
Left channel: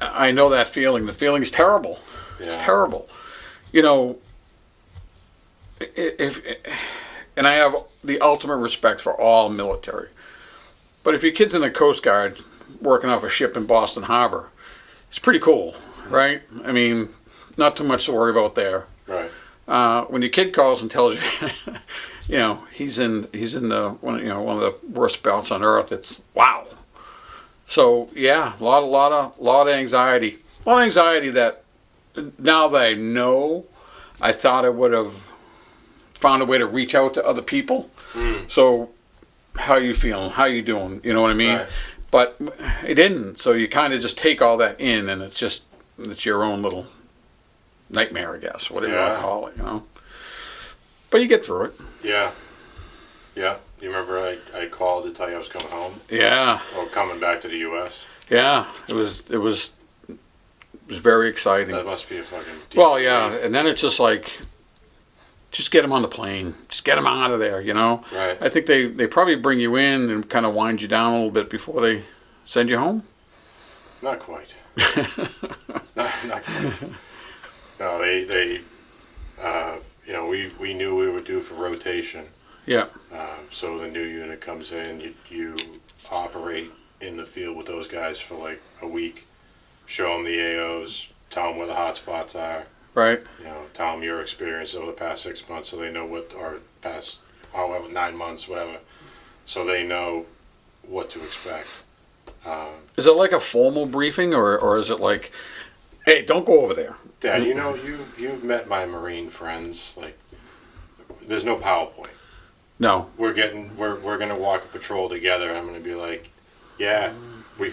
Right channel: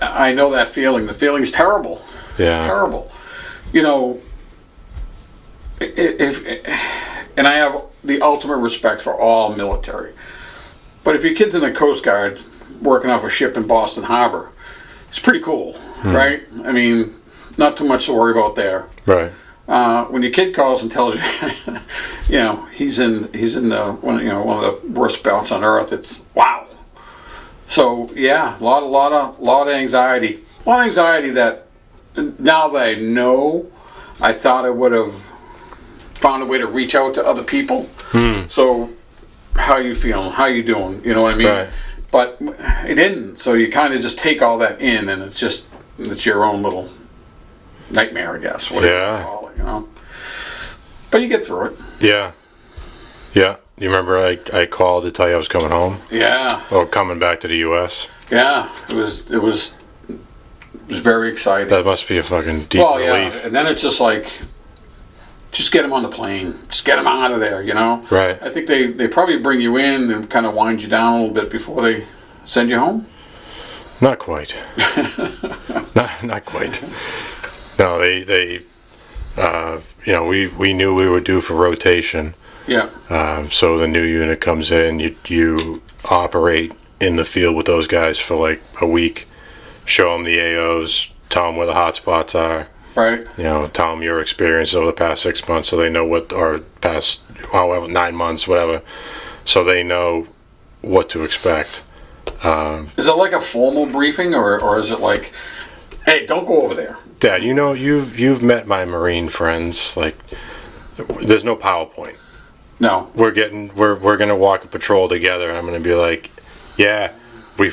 I know that feeling. The feeling's terrible. Yeah. It's terrible. And I have the ultimate respect for all military. But if your kid's in the Coast Guard working off a ship in Boston Harbor, it's pretty cool, right? I mean, not too much to worry about there. Right. When your kid calls and tells you, he's in one of the worst belts on earth, it's wow. So yeah, a lot of anxiety, that now that I know, I thought I would have found a way to reach out to other people. So how you feeling? How you doing? You know what I mean? Right. But it didn't. So you kind of just take all that in, and it's your own little nightmare, I guess. Whatever you want to call it, But you get through it. Yeah. Yeah. You remember I called to tell you I was coming home? Yeah. Or coming back to the U.S.? Yeah. It was very exciting. That must be a fucking deep relief. Yeah. And then it's just like, just get them on the plane. Just get them out of there, Right. I think they probably bring you in and kind of wind you down a little bit before they send you home. Not quite. not quite. No, they we knew we were due for rotation. Yeah. So the new unit comes in, you operate in the field with those guys for like a week, show them the AOs, tell them where the hot spots are. Right. Tell them your experience over the past 6 months, so they know or past 9 months, whatever, so they know what to expect. Is it like a formal briefing, or is it like, hey, don't go over there? Dad, you've met my Marine friends. Like, there's no PowerPoint. No. We're gonna walk a patrol together. I'm gonna be like, yeah, we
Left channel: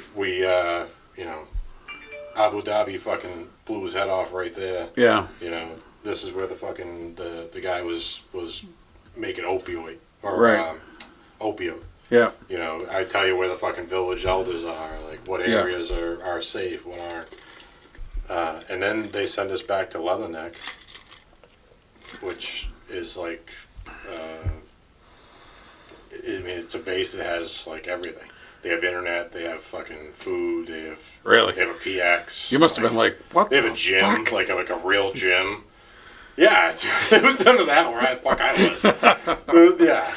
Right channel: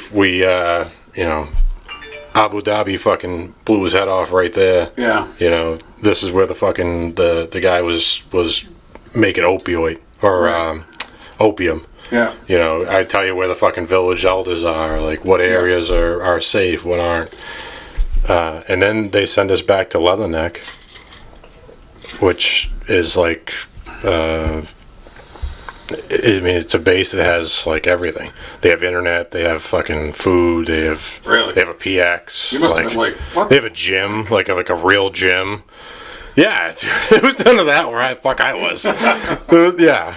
Abu Dhabi fucking blew his head off right there. Yeah. This is where the fucking the guy was making opioid or opium. Yeah. I tell you where the fucking village elders are, like what areas are safe, what aren't. And then they send us back to Leatherneck, which is like, it's a base that has like everything. They have internet, they have fucking food, they have a PX. You must have been like, what? They have a gym, like a real gym. Yeah, it was none of that where I was. Yeah.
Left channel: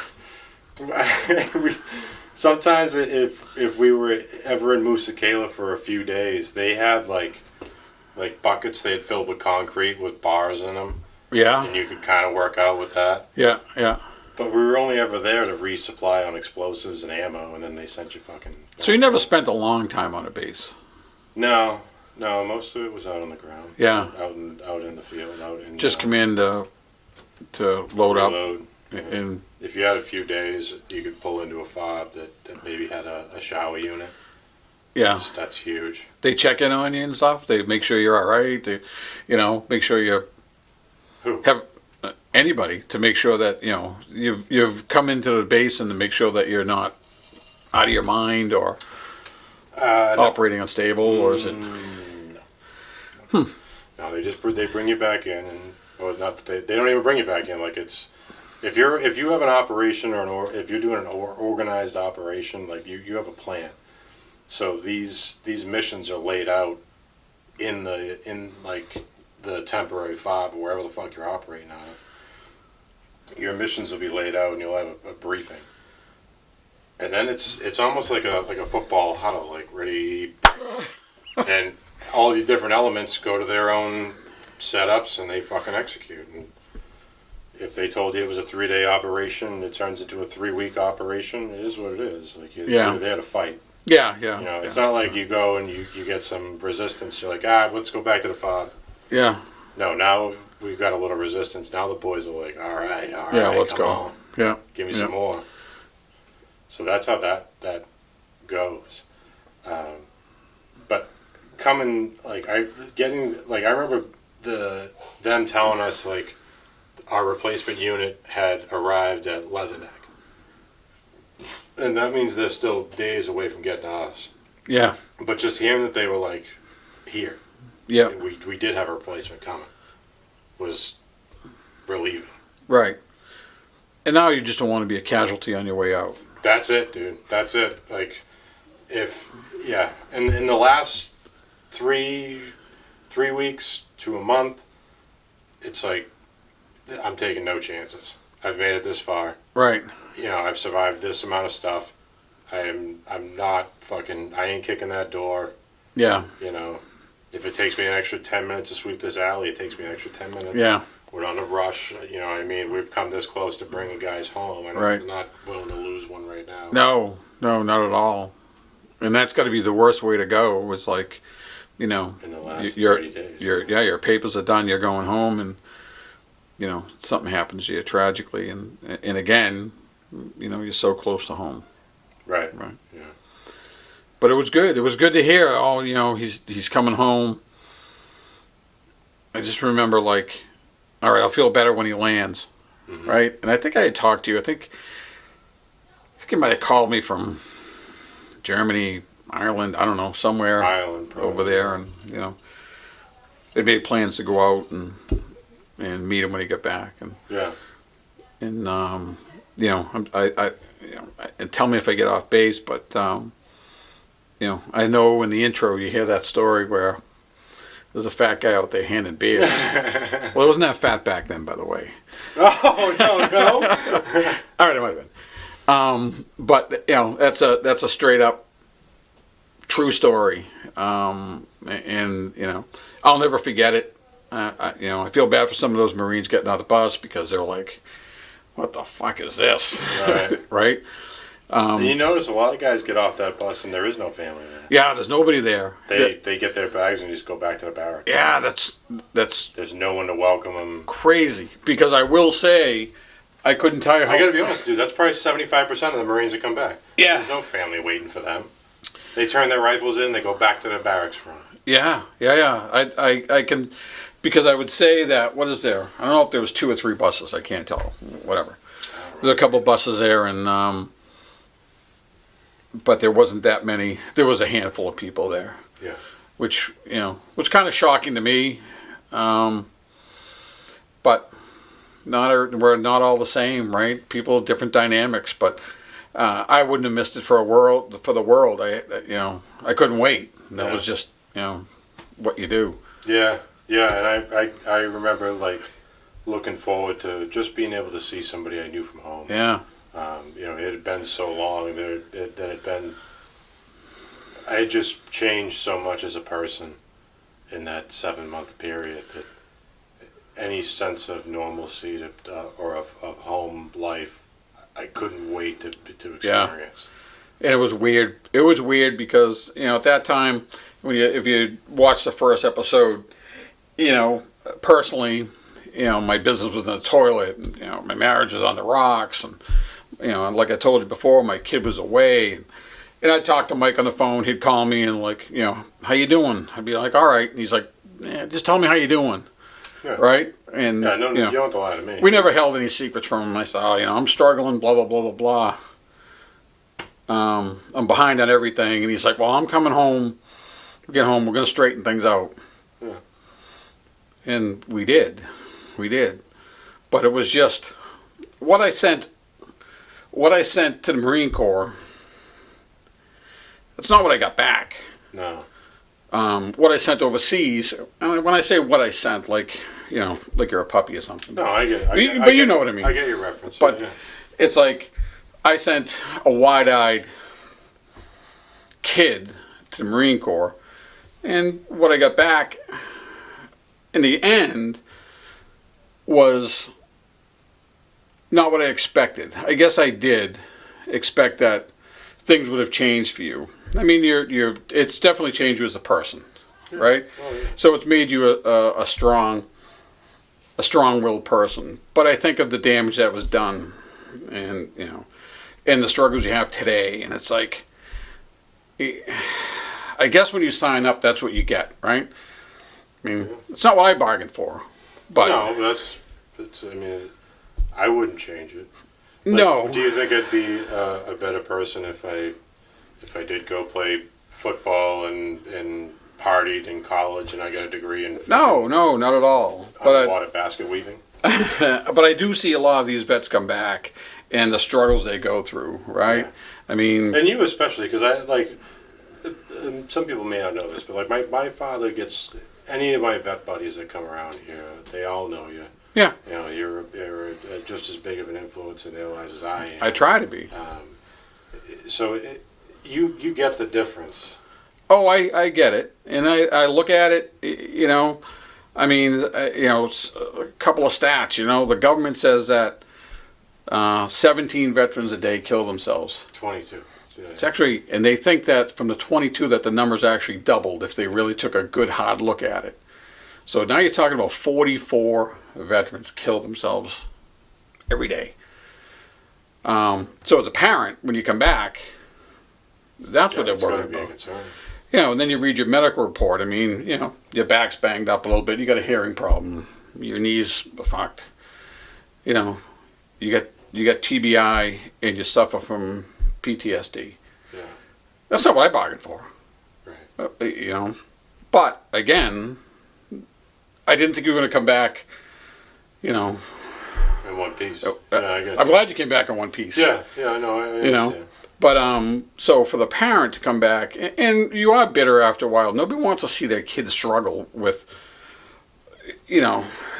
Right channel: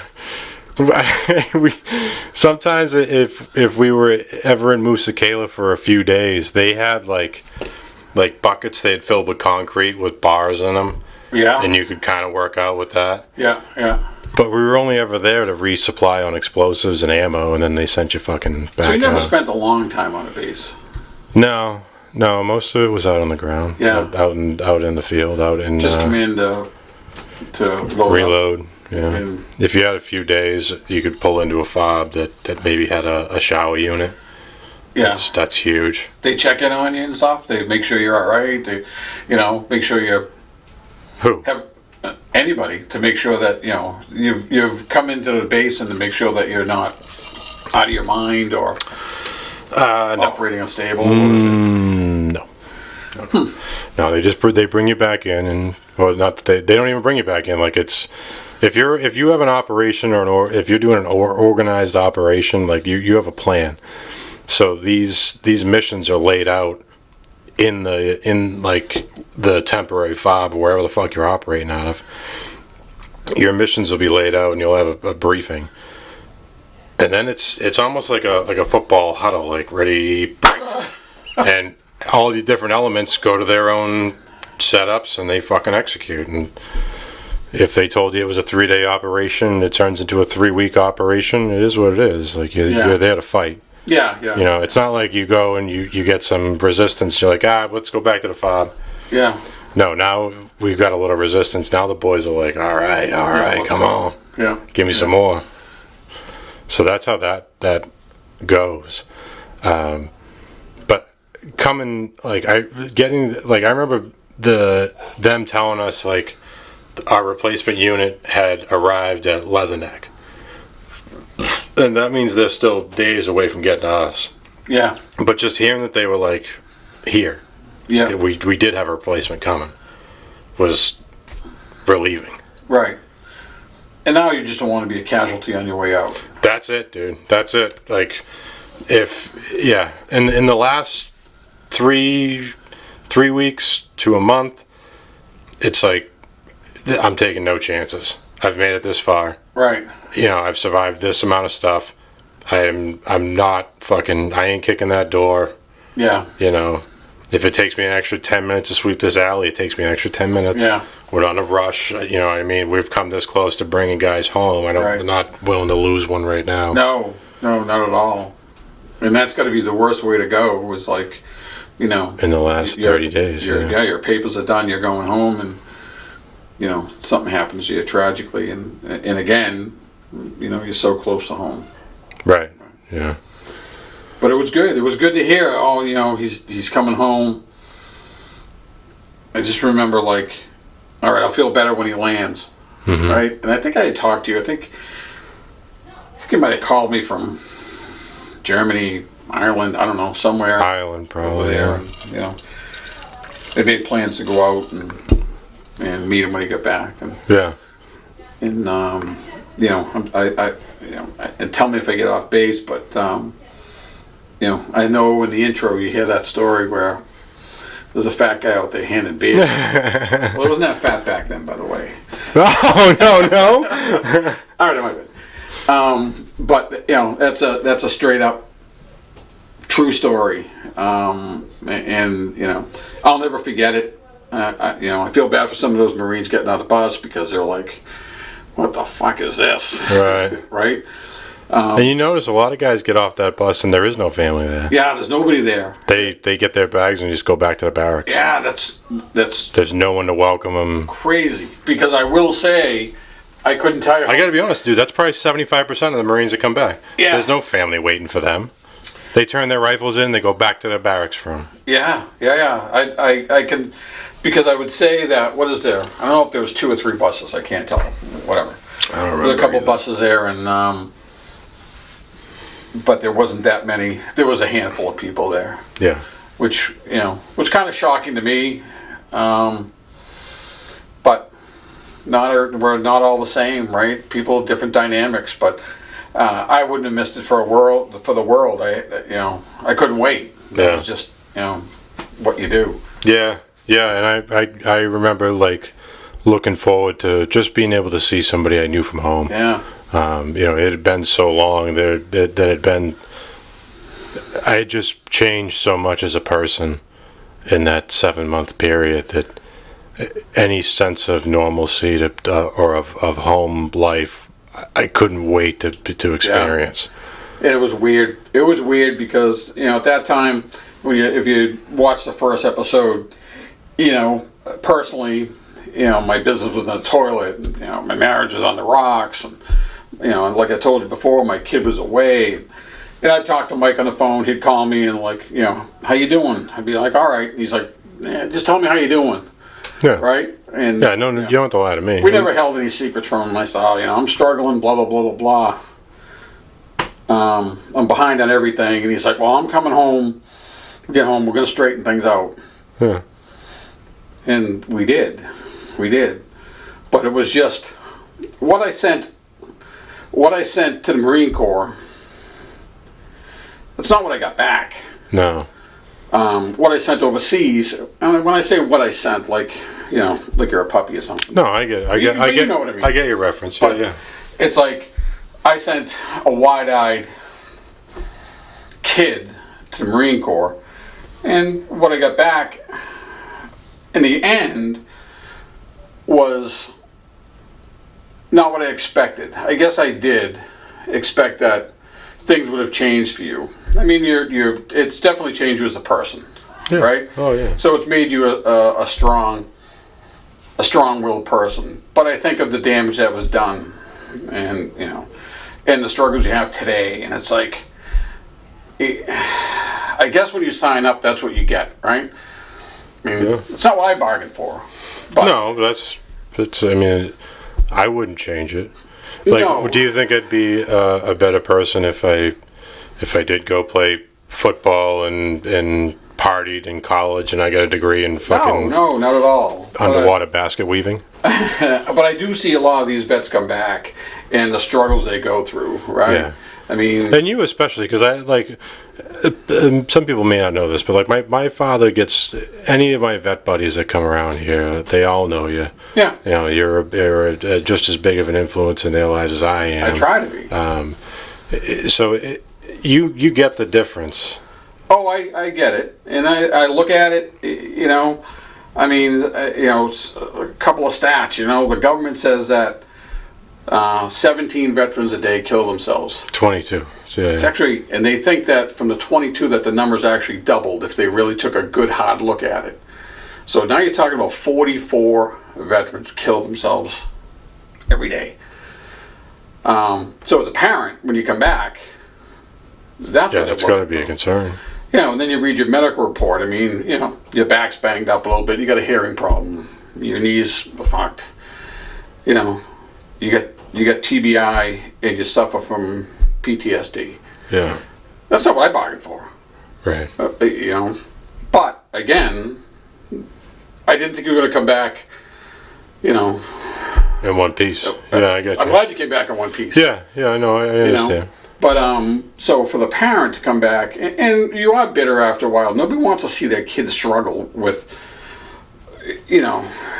Sometimes if we were ever in Musa Kela for a few days, they had like buckets they had filled with concrete with bars in them. Yeah. And you could kind of work out with that. Yeah, yeah. But we were only ever there to resupply on explosives and ammo, and then they sent you fucking back. So you never spent a long time on a base? No, most of it was out on the ground. Yeah. Out in the field, out in. Just come in to reload. Up. Yeah. And if you had a few days, you could pull into a fob that maybe had a shower unit. Yeah. That's huge. They check in on you and stuff. They make sure you're all right. They, make sure you're. Who? anybody to make sure that you've come into the base and to make sure that you're not out of your mind or operating unstable. What is it? No. No, they bring you back in, and well, not that they don't even bring you back in. Like it's if you have an operation or if you're doing an organized operation, like you have a plan. So these missions are laid out in like the temporary fob or wherever the fuck you're operating out of. Your missions will be laid out, and you'll have a briefing. And then it's almost like a football huddle, like ready, and all the different elements go to their own setups and they fucking execute. And if they told you it was a 3-day operation, it turns into a 3-week operation. It is what it is. Like you're there to fight. Yeah. It's not like you go and you get some resistance. You're like, let's go back to the fob. Yeah. No, now we've got a little resistance. Now the boys are like, all right, come on. Yeah. Give me some more. So that's how that goes. But coming, like I remember them telling us like our replacement unit had arrived at Leatherneck. And that means they're still days away from getting to us. Yeah. But just hearing that they were like here. Yeah. We did have a replacement coming. Was relieving. Right. And now you just don't want to be a casualty on your way out. That's it, dude. That's it. Like, in the last three weeks to a month, it's like I'm taking no chances. I've made it this far. Right. I've survived this amount of stuff. I'm not fucking. I ain't kicking that door. Yeah. If it takes me an extra 10 minutes to sweep this alley, it takes me an extra 10 minutes. Yeah. We're not in a rush. You know what I mean? We've come this close to bringing guys home. I'm not willing to lose one right now. No, not at all. And that's got to be the worst way to go. Was like, in the last 30 days. Your papers are done. You're going home, and something happens to you tragically, and again, you're so close to home. Right. Yeah. But it was good. It was good to hear. Oh, he's coming home. I just remember like, all right, I'll feel better when he lands, right? And I think I had talked to you. I think he might have called me from Germany, Ireland. I don't know, somewhere. Ireland, probably over there. Yeah. And, they made plans to go out and meet him when he got back. And and tell me if I get off base, but. I know in the intro you hear that story where there's a fat guy out there handing beers. Well, it wasn't that fat back then, by the way. Oh, no. All right, it might have been. But that's a straight up true story, and I'll never forget it. I feel bad for some of those Marines getting on the bus because they're like, "What the fuck is this?" Right. Right. And you notice a lot of guys get off that bus and there is no family there. Yeah, there's nobody there. They get their bags and just go back to the barracks. Yeah, that's There's no one to welcome them. Crazy. Because I will say, I couldn't tell you. I got to be honest, dude. That's probably 75% of the Marines that come back. Yeah. There's no family waiting for them. They turn their rifles in. They go back to their barracks room. Yeah. I can, because I would say that. What is there? I don't know if there was 2 or 3 buses. I can't tell. Whatever. I don't remember. There's a couple buses there, and but there wasn't that many. There was a handful of people there. Yeah. Which was kind of shocking to me, but we're not all the same, right? People, different dynamics, but I wouldn't have missed it for the world. I couldn't wait. Yeah. It was just what you do. Yeah, and I remember like looking forward to just being able to see somebody I knew from home. Yeah. It had been so long I had just changed so much as a person in that 7-month period that any sense of normalcy or of home life, I couldn't wait to experience. Yeah. And it was weird. It was weird because, at that time, if you watch the first episode, personally, my business was in the toilet, and, my marriage was on the rocks, and and like I told you before, my kid was away. And I'd talk to Mike on the phone. He'd call me and like, how you doing? I'd be like, all right. And he's like, just tell me how you doing. Yeah. Right? And Yeah, no, you don't have to lie to me. we never held any secrets from him. I said, oh, I'm struggling, blah, blah, blah, blah, blah. I'm behind on everything. And he's like, well, I'm coming home. We'll get home. We're going to straighten things out. Yeah. And we did. We did. But it was just what I sent to the Marine Corps. It's not what I got back. No. What I sent overseas. And when I say what I sent, like you're a puppy or something. No, I get. You know what I mean. I get your reference. But yeah. It's like I sent a wide-eyed kid to the Marine Corps, and what I got back in the end was not what I expected. I guess I did expect that things would have changed for you. I mean, it's definitely changed you as a person, Yeah. right? Oh yeah. So it's made you a strong-willed person. But I think of the damage that was done, and and the struggles you have today, and it's like, I guess when you sign up, that's what you get, right? I mean, It's not what I bargained for. But No, I mean, I wouldn't change it. Like, no. Do you think I'd be a better person if I did go play football and partied in college and I got a degree in fucking No, not at all. underwater basket weaving? But I do see a lot of these vets come back and the struggles they go through, right? Yeah. I mean, And you especially, because I like. Some people may not know this, but like my father gets any of my vet buddies that come around here. They all know you. yeah, You're just as big of an influence in their lives as I am. I try to be. So you get the difference. Oh, I get it, and I look at it. I mean, a couple of stats. The government says that 17 veterans a day kill themselves. 22. So, yeah. It's actually, and they think that from the 22 that the numbers actually doubled if they really took a good hard look at it. So now you're talking about 44 veterans kill themselves every day. So as a parent, when you come back, that's what It's going to be a concern. And then you read your medical report. I mean, your back's banged up a little bit. You got a hearing problem. Your knees are fucked. You got TBI and you suffer from PTSD. Yeah. That's not what I bargained for. Right. But again, I didn't think you were going to come back. In one piece. Yeah, I get you. I'm glad you came back in one piece. Yeah, I know. I understand. But so for the parent to come back, and you are bitter after a while. Nobody wants to see their kids struggle with,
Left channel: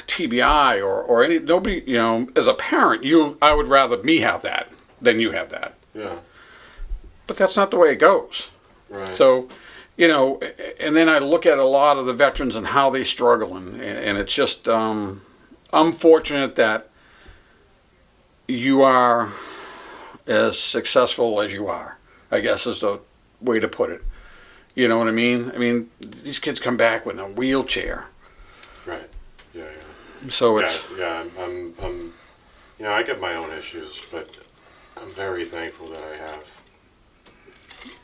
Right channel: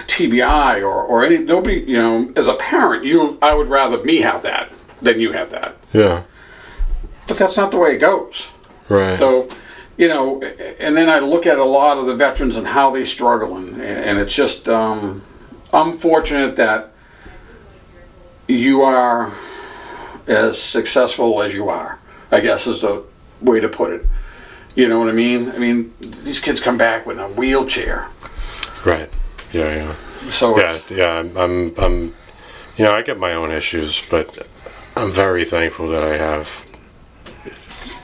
TBI or any. Nobody, as a parent, I would rather me have that than you have that. Yeah. But that's not the way it goes. Right. So, and then I look at a lot of the veterans and how they struggle, and it's just, I'm fortunate that you are as successful as you are, I guess is the way to put it. You know what I mean? I mean, these kids come back with a wheelchair. Right. Yeah. So I'm I get my own issues, but I'm very thankful that I have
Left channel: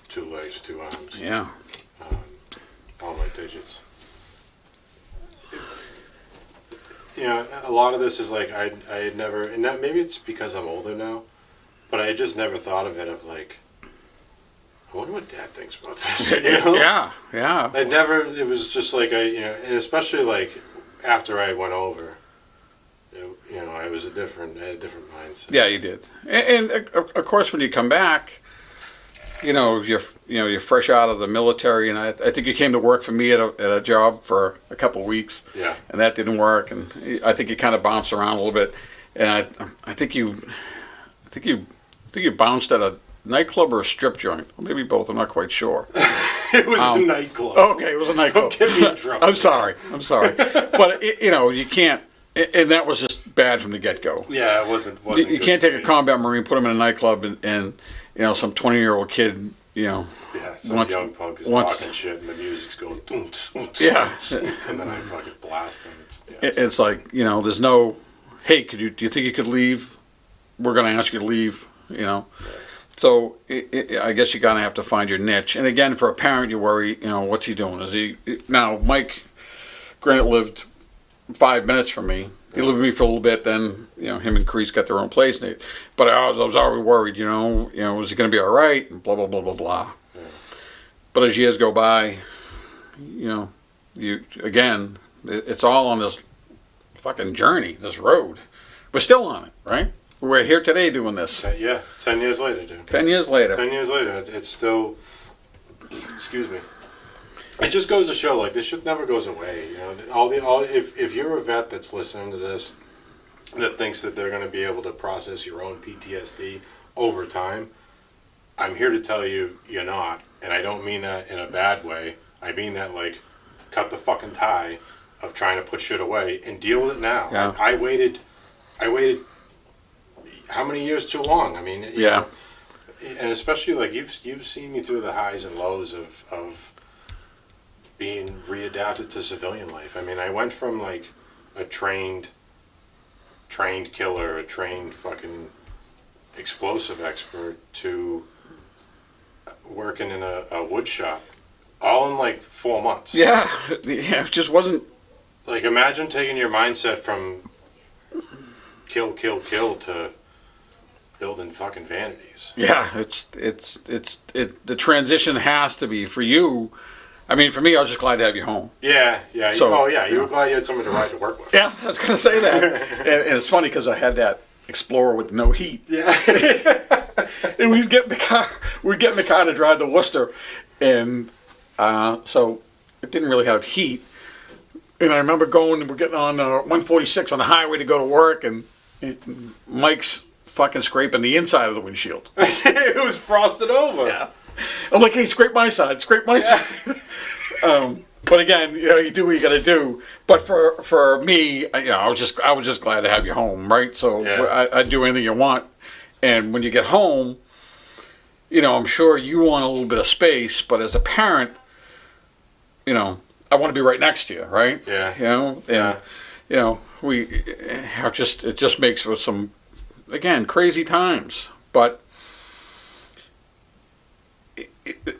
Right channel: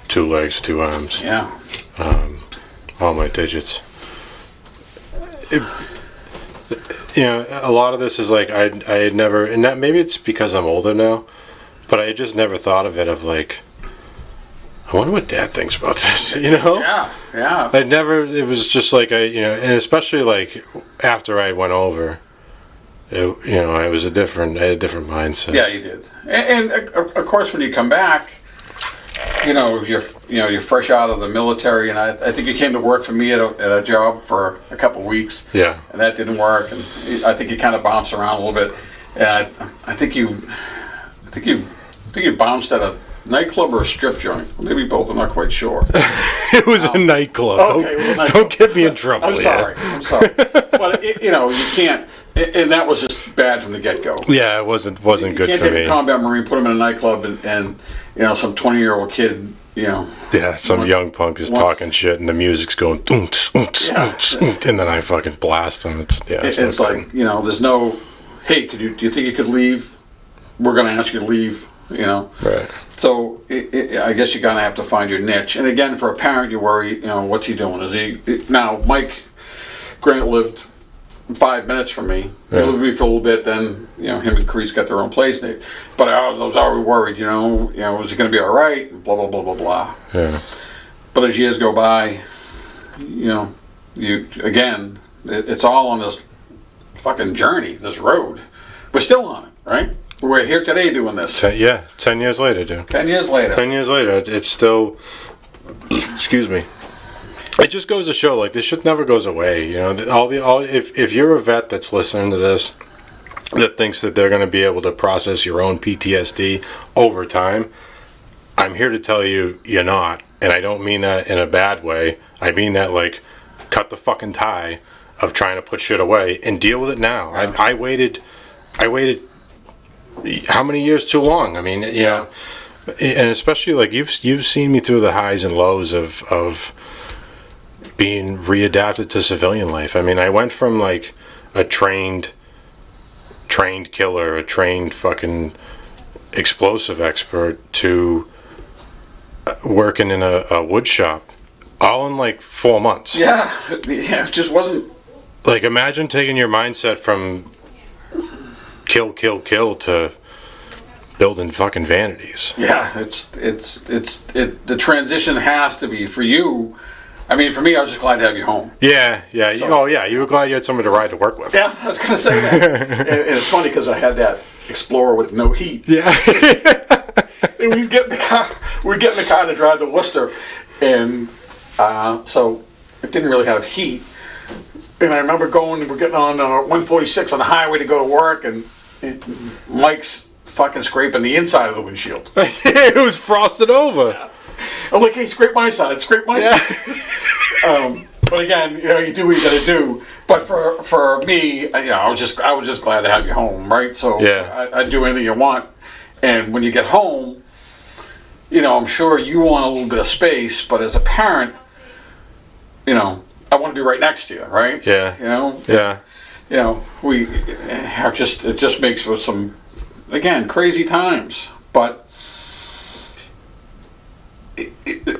2 legs, 2 arms. Yeah. All my digits. A lot of this is like I had never, and that maybe it's because I'm older now, but I just never thought of it of like, I wonder what Dad thinks about this. Yeah. It was just like and especially like after I went over, I had a different mindset. Yeah, you did. And of course, when you come back, you're fresh out of the military, and I think you came to work for me at a job for a couple of weeks. Yeah. And that didn't work, and I think you kind of bounced around a little bit, and I think you bounced at a nightclub or a strip joint. Maybe both. I'm not quite sure. It was a nightclub. Okay, it was a nightclub. Don't get me in trouble. I'm sorry. But you can't. And that was just bad from the get-go. Yeah, it wasn't good for me. You can't take a combat Marine, put him in a nightclub, and some 20-year-old kid, Yeah, some young punk is talking shit, and the music's going, and then I fucking blast him. It's like, there's no, hey, do you think you could leave? We're going to ask you to leave, Right. So I guess you're going to have to find your niche. And again, for a parent, you worry, what's he doing? Now, Mike Grant lived 5 minutes from me. He Yeah. lived with me for a little bit. Then him and Chris got their own place. But I was already worried. Was it going to be all right? Blah blah blah blah blah. Yeah. But as years go by, it's all on this fucking journey, this road. We're still on it, right? We're here today doing this. 10 years later, dude. 10 years later. 10 years later, it's still. Excuse me. It just goes to show, like, this shit never goes away. If you're a vet that's listening to this, that thinks that they're going to be able to process your own PTSD over time, I'm here to tell you, you're not. And I don't mean that in a bad way. I mean that, like, cut the fucking tie of trying to put shit away and deal with it now. Yeah. I waited how many years too long? I mean, you know, and especially, like, you've seen me through the highs and lows of being readapted to civilian life. I mean, I went from, like, a trained killer, a trained fucking explosive expert, to working in a wood shop, all in like 4 months. Yeah, it just wasn't. Like, imagine taking your mindset from kill to building fucking vanities. Yeah, the transition has to be for you. I mean, for me, I was just glad to have you home. Yeah. So, you were glad you had somebody to ride to work with. Yeah, I was gonna say that. and it's funny because I had that Explorer with no heat. Yeah. And we'd get in the car to drive to Worcester, and so it didn't really have heat. And I remember we're getting on 146 on the highway to go to work, and Mike's fucking scraping the inside of the windshield. It was frosted over. Yeah. I'm like, hey, scrape my side. But again, you do what you got to do. But for me, I was just glad to have you home, right? So I'd do anything you want. And when you get home, I'm sure you want a little bit of space, but as a parent, I want to be right next to you, right? Yeah. It just makes for some, again, crazy times. But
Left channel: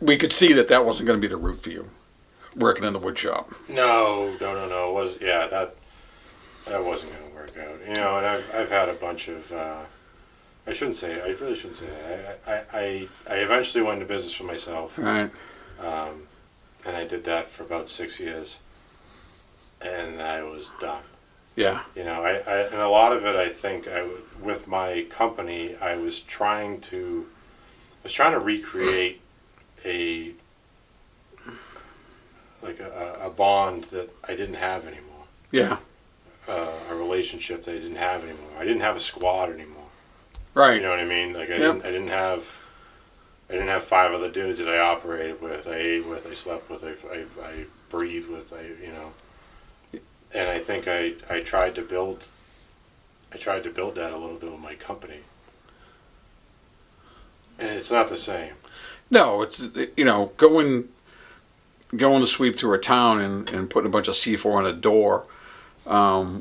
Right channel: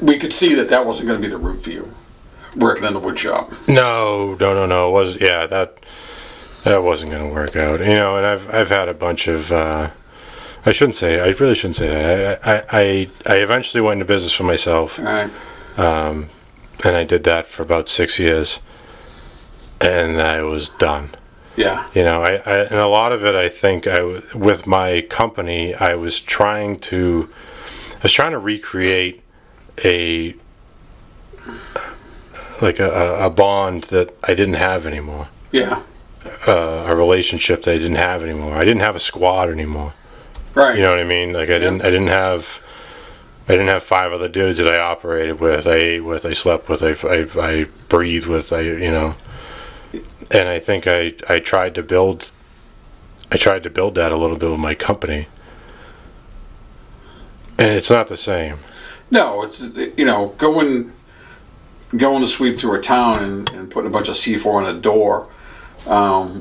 we could see that wasn't going to be the route for you, working in the wood shop. No. It was, that wasn't going to work out. And I've had a bunch of. I really shouldn't say that. I eventually went into business for myself. Right. And I did that for about 6 years, and I was done. Yeah. And a lot of it, I think, with my company, I was trying to recreate a bond that I didn't have anymore. Yeah. A relationship that I didn't have anymore. I didn't have a squad anymore. Right. You know what I mean? Like, I didn't have 5 other dudes that I operated with, I ate with, I slept with, I breathed with, And I think I tried to build that a little bit with my company. And it's not the same. No, it's going to sweep through a town and putting a bunch of C4 on a door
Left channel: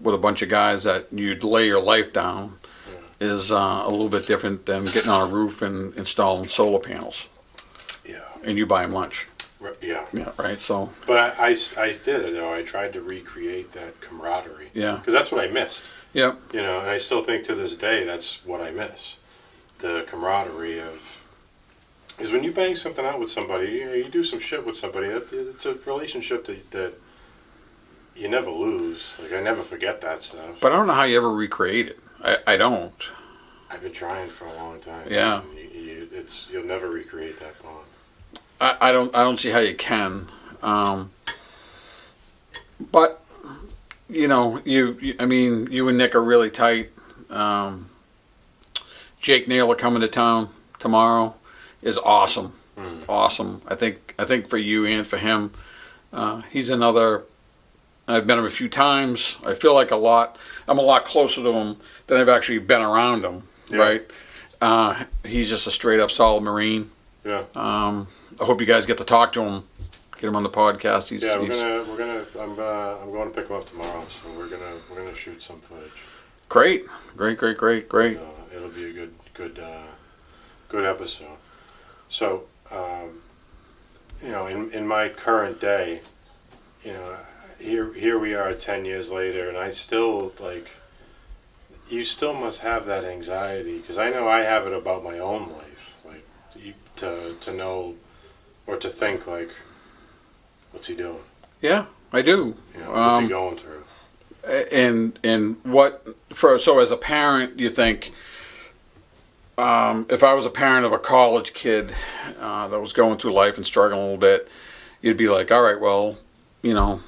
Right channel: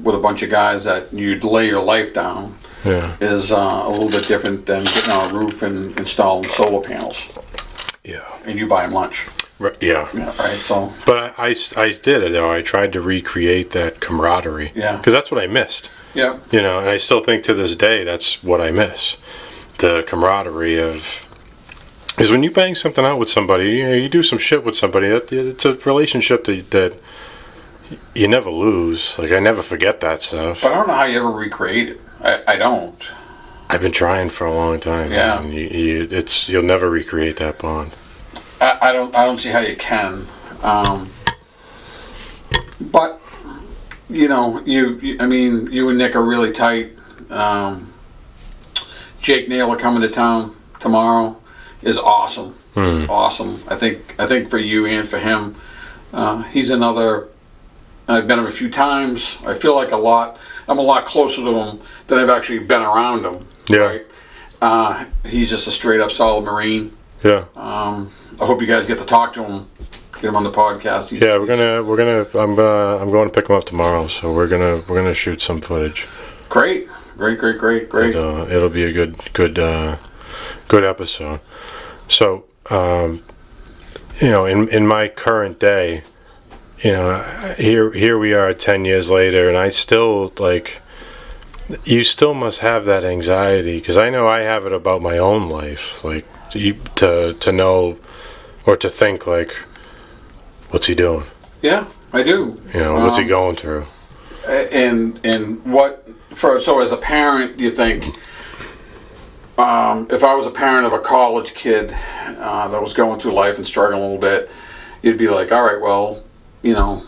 with a bunch of guys that you'd lay your life down. Yeah. Is a little bit different than getting on a roof and installing solar panels. Yeah. And you buy them lunch. Yeah. Yeah. Right. So. But I did it though. I tried to recreate that camaraderie. Yeah. Because that's what I missed. Yeah. And I still think to this day that's what I miss. The camaraderie of. Because when you bang something out with somebody, you do some shit with somebody. It's a relationship that you never lose. Like, I never forget that stuff. But I don't know how you ever recreate it. I don't. I've been trying for a long time. Yeah. Man. You'll never recreate that bond. I don't see how you can. But you and Nick are really tight. Jake Neal are coming to town tomorrow. Is awesome. Awesome. I think for you and for him, he's another. I've met him a few times. I feel like I'm a lot closer to him than I've actually been around him. Yeah. Right. He's just a straight up solid Marine. Yeah. I hope you guys get to talk to him. Get him on the podcast. I'm going to pick him up tomorrow, so we're gonna shoot some footage. Great. It'll be a good episode. So, in my current day, you know, here we are 10 years later, and I still, like, you still must have that anxiety, because I know I have it about my own life, like, to know, or to think, like, what's he doing? Yeah, I do. You know, what's he going through? And so as a parent, do you think, if I was a parent of a college kid that was going through life and struggling a little bit, you'd be like, all right, well, you know,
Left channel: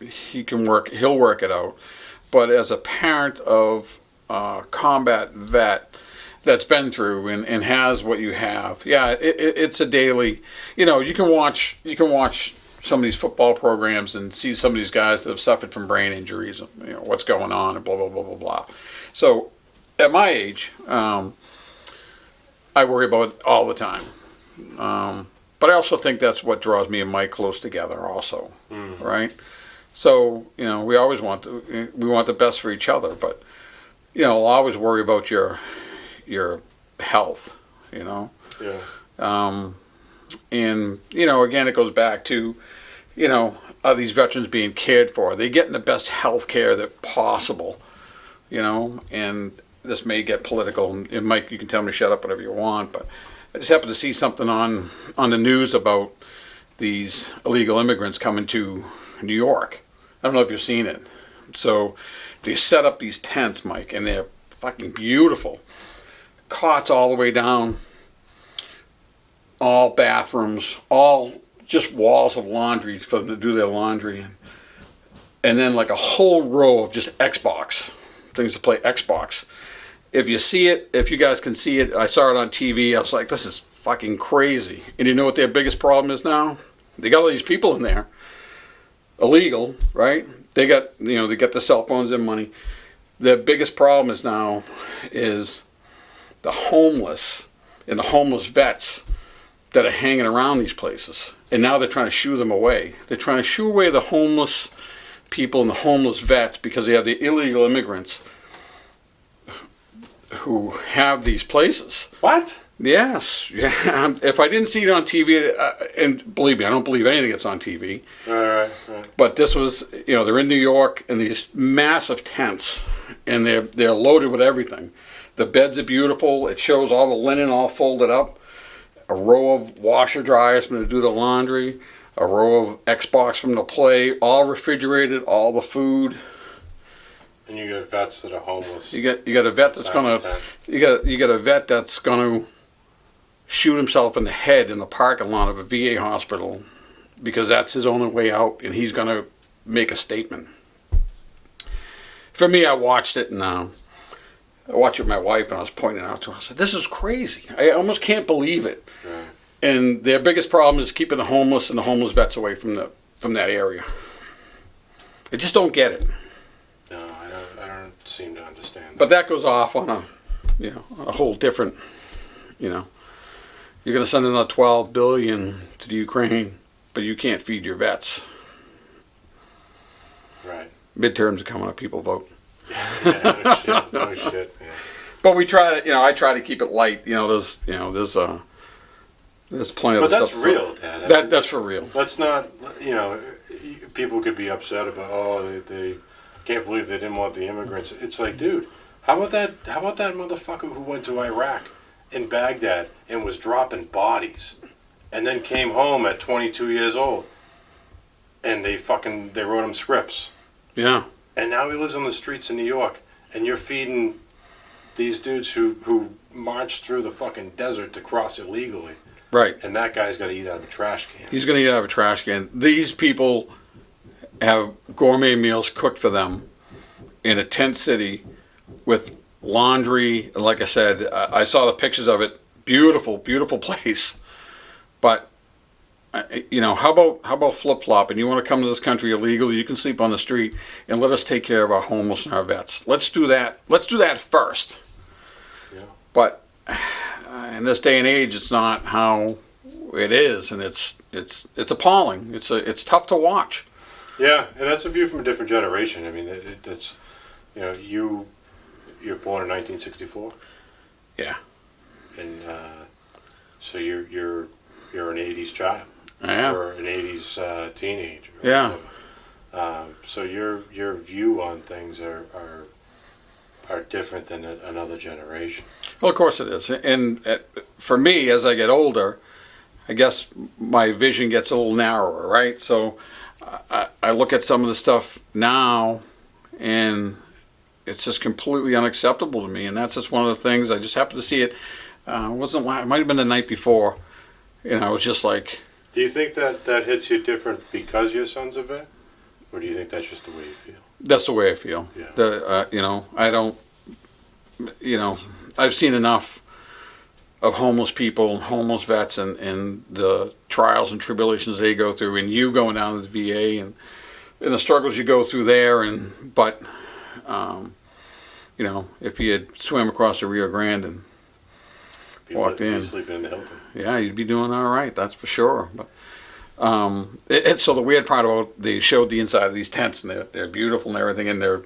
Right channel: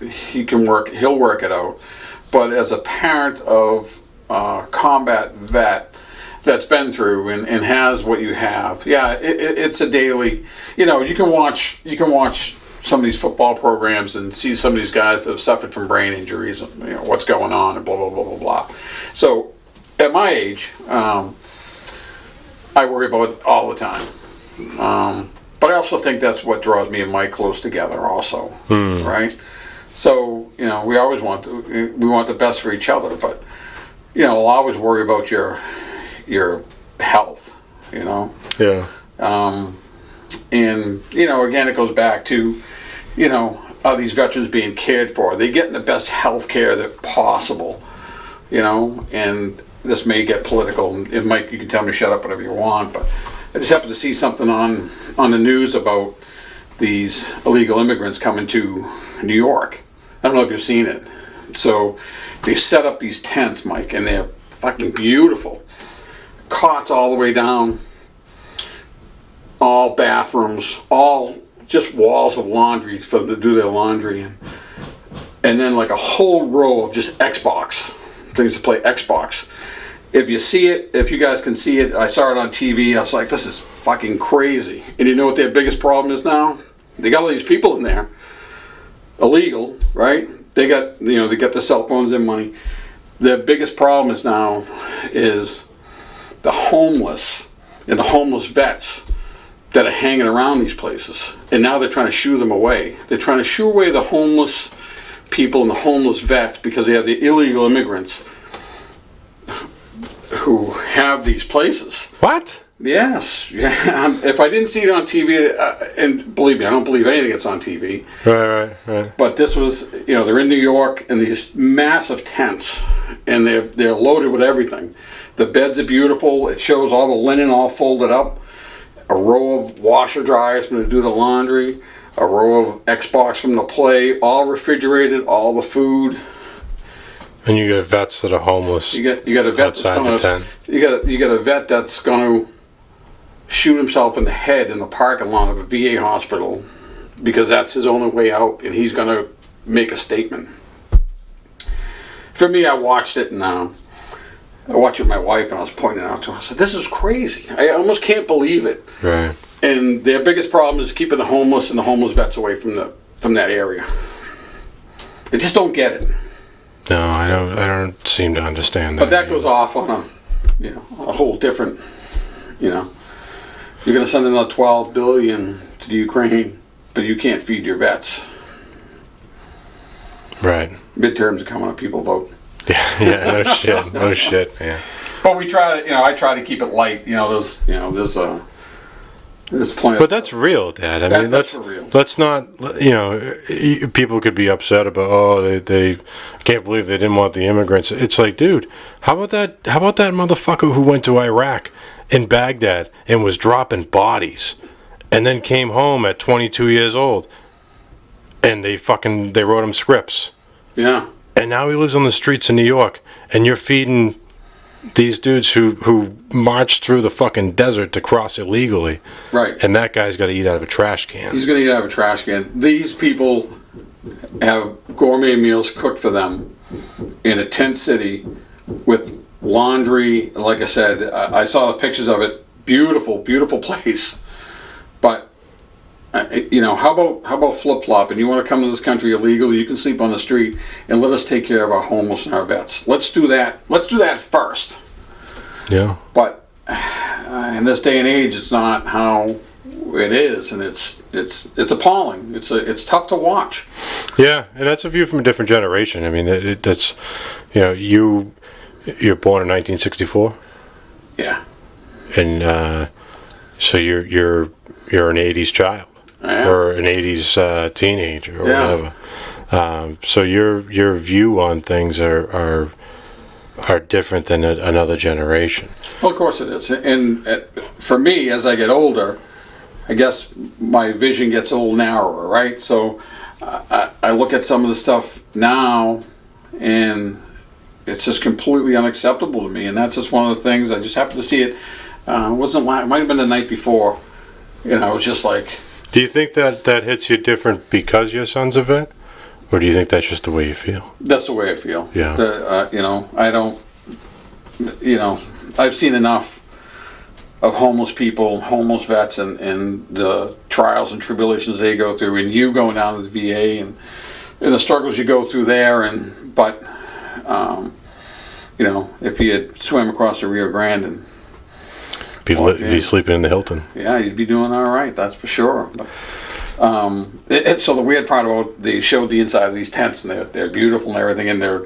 he'll work it out. But as a parent of a combat vet that's been through and has what you have, yeah, it's a daily, you know, you can watch some of these football programs and see some of these guys that have suffered from brain injuries, and, you know, what's going on, and blah, blah, blah, blah, blah. So at my age, I worry about it all the time. But I also think that's what draws me and Mike close together also, right? So, you know, we always want the best for each other, but, you know, I'll always worry about your health, you know? Yeah. And, you know, again, it goes back to, you know, are these veterans being cared for? Are they getting the best health care that possible, you know? And this may get political, and Mike, you can tell me to shut up whatever you want, but I just happened to see something on the news about these illegal immigrants coming to New York. I don't know if you've seen it. So they set up these tents, Mike, and they're fucking beautiful. Cots all the way down, all bathrooms, all just walls of laundry for them to do their laundry in. And then like a whole row of just Xbox, things to play Xbox. If you see it, if you guys can see it, I saw it on TV, I was like, this is fucking crazy. And you know what their biggest problem is now? They got all these people in there, illegal, right? They got, you know, they get the cell phones and money. Their biggest problem is now is the homeless and the homeless vets that are hanging around these places. And now they're trying to shoo them away. They're trying to shoo away the homeless people and the homeless vets because they have the illegal immigrants who have these places. What? Yes. Yeah. If I didn't see it on TV, and believe me, I don't believe anything that's on TV. Right. But this was, you know, they're in New York in these massive tents, and they're loaded with everything. The beds are beautiful. It shows all the linen all folded up. A row of washer dryers for them to do the laundry. A row of Xbox from the play. All refrigerated. All the food. And you get vets that are homeless. You got a vet that's gonna. You got a vet that's gonna shoot himself in the head in the parking lot of a VA hospital because that's his only way out, and he's gonna make a statement. For me, I watched it and I watched it with my wife, and I was pointing out to her. I said, "This is crazy. I almost can't believe it." Right. And their biggest problem is keeping the homeless and the homeless vets away from that area. I just don't get it. No, I don't seem to understand that. But that goes off on a whole different, you know. You're going to send another $12 billion to the Ukraine, but you can't feed your vets. Right. Midterms are coming up, people vote. Yeah, no shit, man. But we try to, I try to keep it light. There's plenty. But that's real, Dad. I mean, that's for real. Let's not, people could be upset about, they can't believe they didn't want the immigrants. It's like, dude, how about that motherfucker who went to Iraq in Baghdad and was dropping bodies and then came home at 22 years old and they wrote him scripts. Yeah. And now he lives on the streets of New York, and you're feeding these dudes who marched through the fucking desert to cross illegally. Right. And that guy's got to eat out of a trash can. He's going to eat out of a trash can. These people have gourmet meals cooked for them in a tent city with laundry. Like I said, I saw the pictures of it. Beautiful, beautiful place. But how about flip-flop? And you want to come to this country illegally, you can sleep on the street, and let us take care of our homeless and our vets. Let's do that. Let's do that first. Yeah. But in this day and age, it's not how it is, and it's appalling. It's tough to watch. Yeah, and that's a view from a different generation. I mean, that's you're born in 1964. Yeah. And so you're an 80s child. or an 80s teenager or Yeah. whatever. So your view on things are different than another generation. Well, of course it is. And for me, as I get older, I guess my vision gets a little narrower, right? So I look at some of the stuff now, and it's just completely unacceptable to me. And that's just one of the things. I just happened to see it. It might have been the night before. I was just like. Do you think that hits you different because your son's a vet, or do you think that's just the way you feel? That's the way I feel. Yeah. I don't. I've seen enough of homeless people, homeless vets, and the trials and tribulations they go through, and you going down to the VA and the struggles you go through there. But if you had swam across the Rio Grande and be sleeping in the Hilton. Yeah, you'd be doing all right. That's for sure. But, so the weird part about they showed the inside of these tents, and they're beautiful and everything, and they're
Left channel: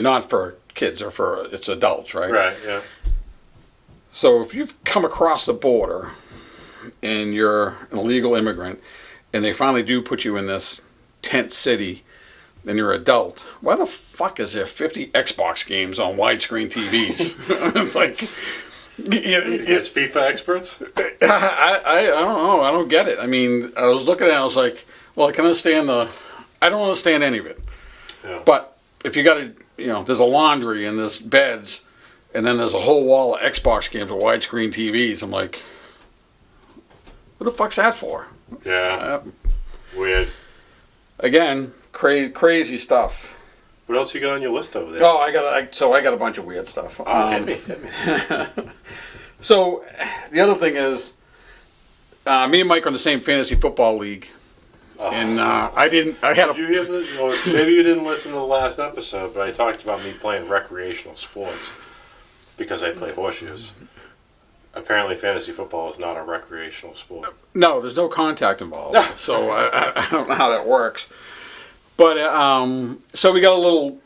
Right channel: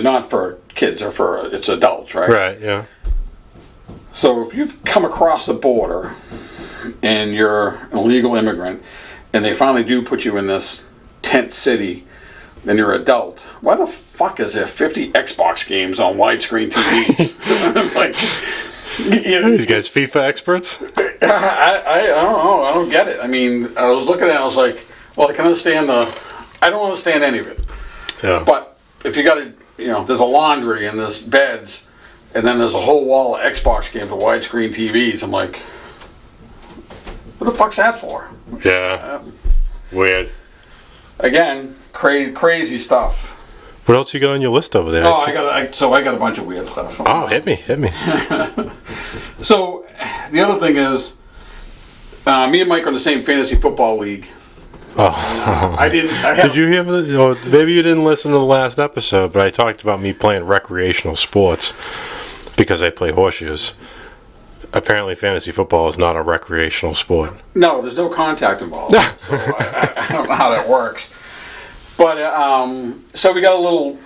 not for kids, it's adults, right? Right. Yeah. So if you've come across the border and you're an illegal immigrant, and they finally do put you in this tent city, then you're an adult. Why the fuck is there 50 Xbox games on widescreen TVs? It's like. These guys FIFA experts? I don't know. I don't get it. I mean, I was looking at it, I was like, well, I can understand I don't understand any of it. Yeah. But if you got there's a laundry and there's beds, and then there's a whole wall of Xbox games with widescreen TVs, I'm like, what the fuck's that for? Yeah. Weird. Again, crazy stuff. What else you got on your list over there? Oh, I got a bunch of weird stuff. Hit me. So, the other thing is, me and Mike are in the same fantasy football league. Oh. And Did you hear? Maybe you didn't listen to the last episode, but I talked about me playing recreational sports because I play horseshoes. Apparently, fantasy football is not a recreational sport. No, there's no contact involved. So I don't know how that works. But so we got a little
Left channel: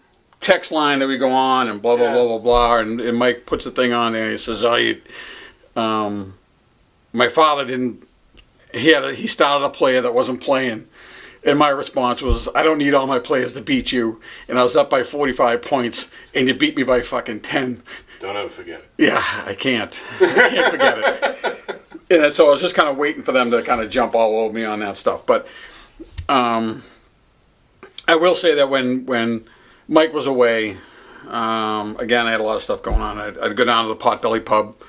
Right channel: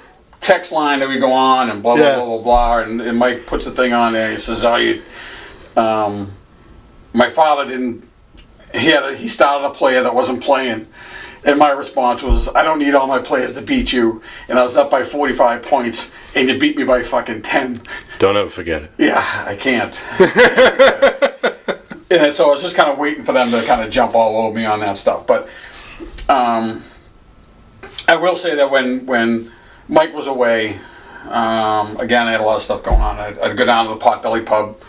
text line that we go on and blah blah blah blah blah, and Mike puts a thing on there. And he says, my father didn't. He started a player that wasn't playing, and my response was, I don't need all my players to beat you. And I was up by 45 points, and you beat me by fucking 10. Don't ever forget it. Yeah, I can't. I can't forget it. And so I was just kind of waiting for them to kind of jump all over me on that stuff, but. I will say that when Mike was away, again, I had a lot of stuff going on. I'd go down to the Potbelly Pub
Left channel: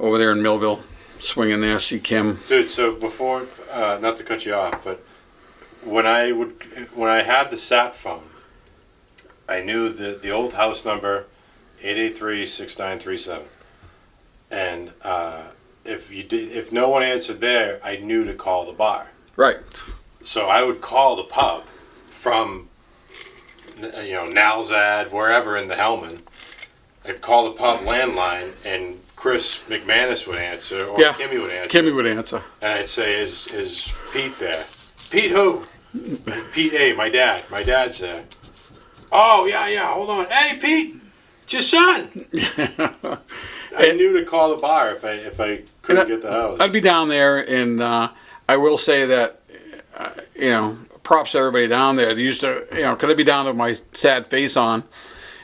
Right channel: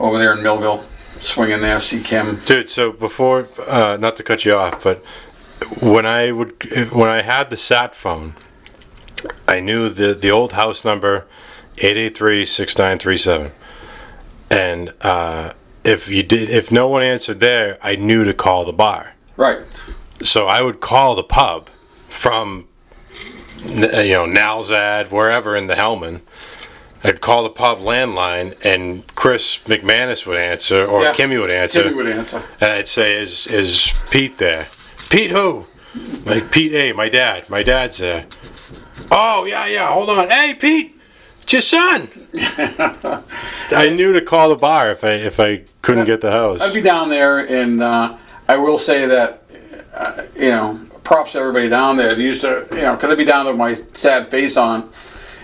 over there in Millville, swing in there, see Kim. Dude, so before, not to cut you off, but when I had the sat phone, I knew the old house number, 883-6937, and if no one answered there, I knew to call the bar. Right. So I would call the pub from, Nalzad, wherever in the Hellman. I'd call the pub landline, and Chris McManus would answer, or Kimmy would answer. Kimmy would answer. And I'd say, is Pete there? Pete who? Like, Pete A, my dad. My dad's there. Oh, yeah, hold on. Hey, Pete, it's your son. I knew to call the bar if I couldn't get the house. I'd be down there, and I will say that, props to everybody down there. They used to, could I be down with my sad face on,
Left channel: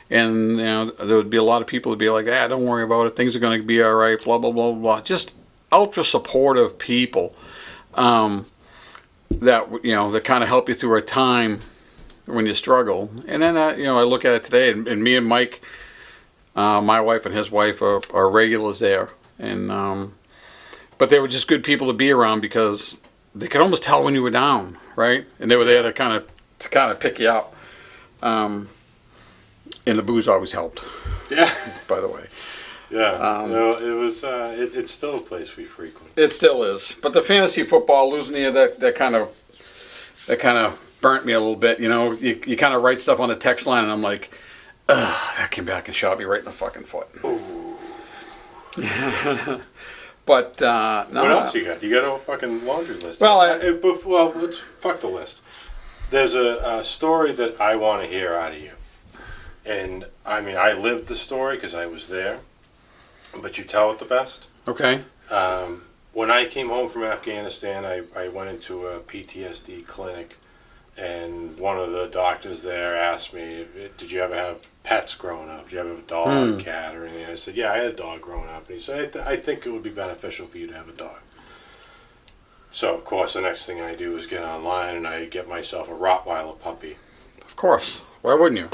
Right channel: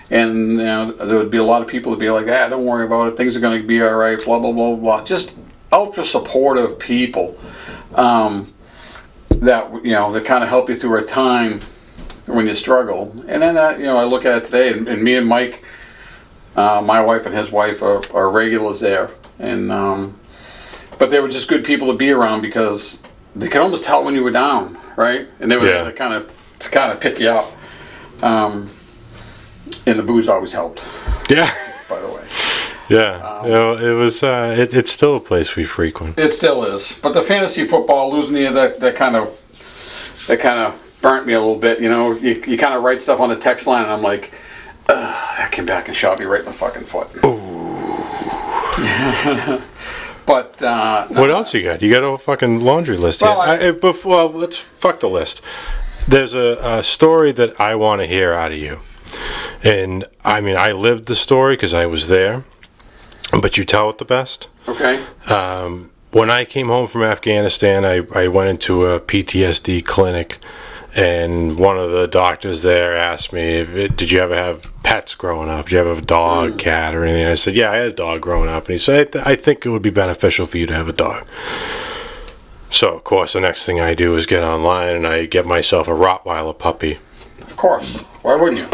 and there would be a lot of people that be like, don't worry about it. Things are going to be all right. Blah blah blah blah. Just ultra supportive people that that kind of help you through a time when you struggle. And then I look at it today, and me and Mike, my wife and his wife are regulars there, and but they were just good people to be around because they could almost tell when you were down, right? And they were there to kind of pick you up. And the booze always helped. Yeah. By the way. Yeah. It was. It's still a place we frequent. It still is. But the fantasy football, losing you, that kind of burnt me a little bit. You kind of write stuff on the text line, and I'm like, that came back and shot me right in the fucking foot. Ooh. But what else you got? You got a fucking laundry list. Well, let's fuck the list. There's a story that I want to hear out of you, and I mean, I lived the story because I was there, but you tell it the best. Okay. when I came home from Afghanistan, I went into a PTSD clinic, and one of the doctors there asked me, did you ever have pets growing up? Did you ever have a dog, cat, or anything? I said, yeah, I had a dog growing up. And he said, I think it would be beneficial for you to have a dog. So, of course, the next thing I do is get online and I get myself a Rottweiler puppy. Of course. Why wouldn't you?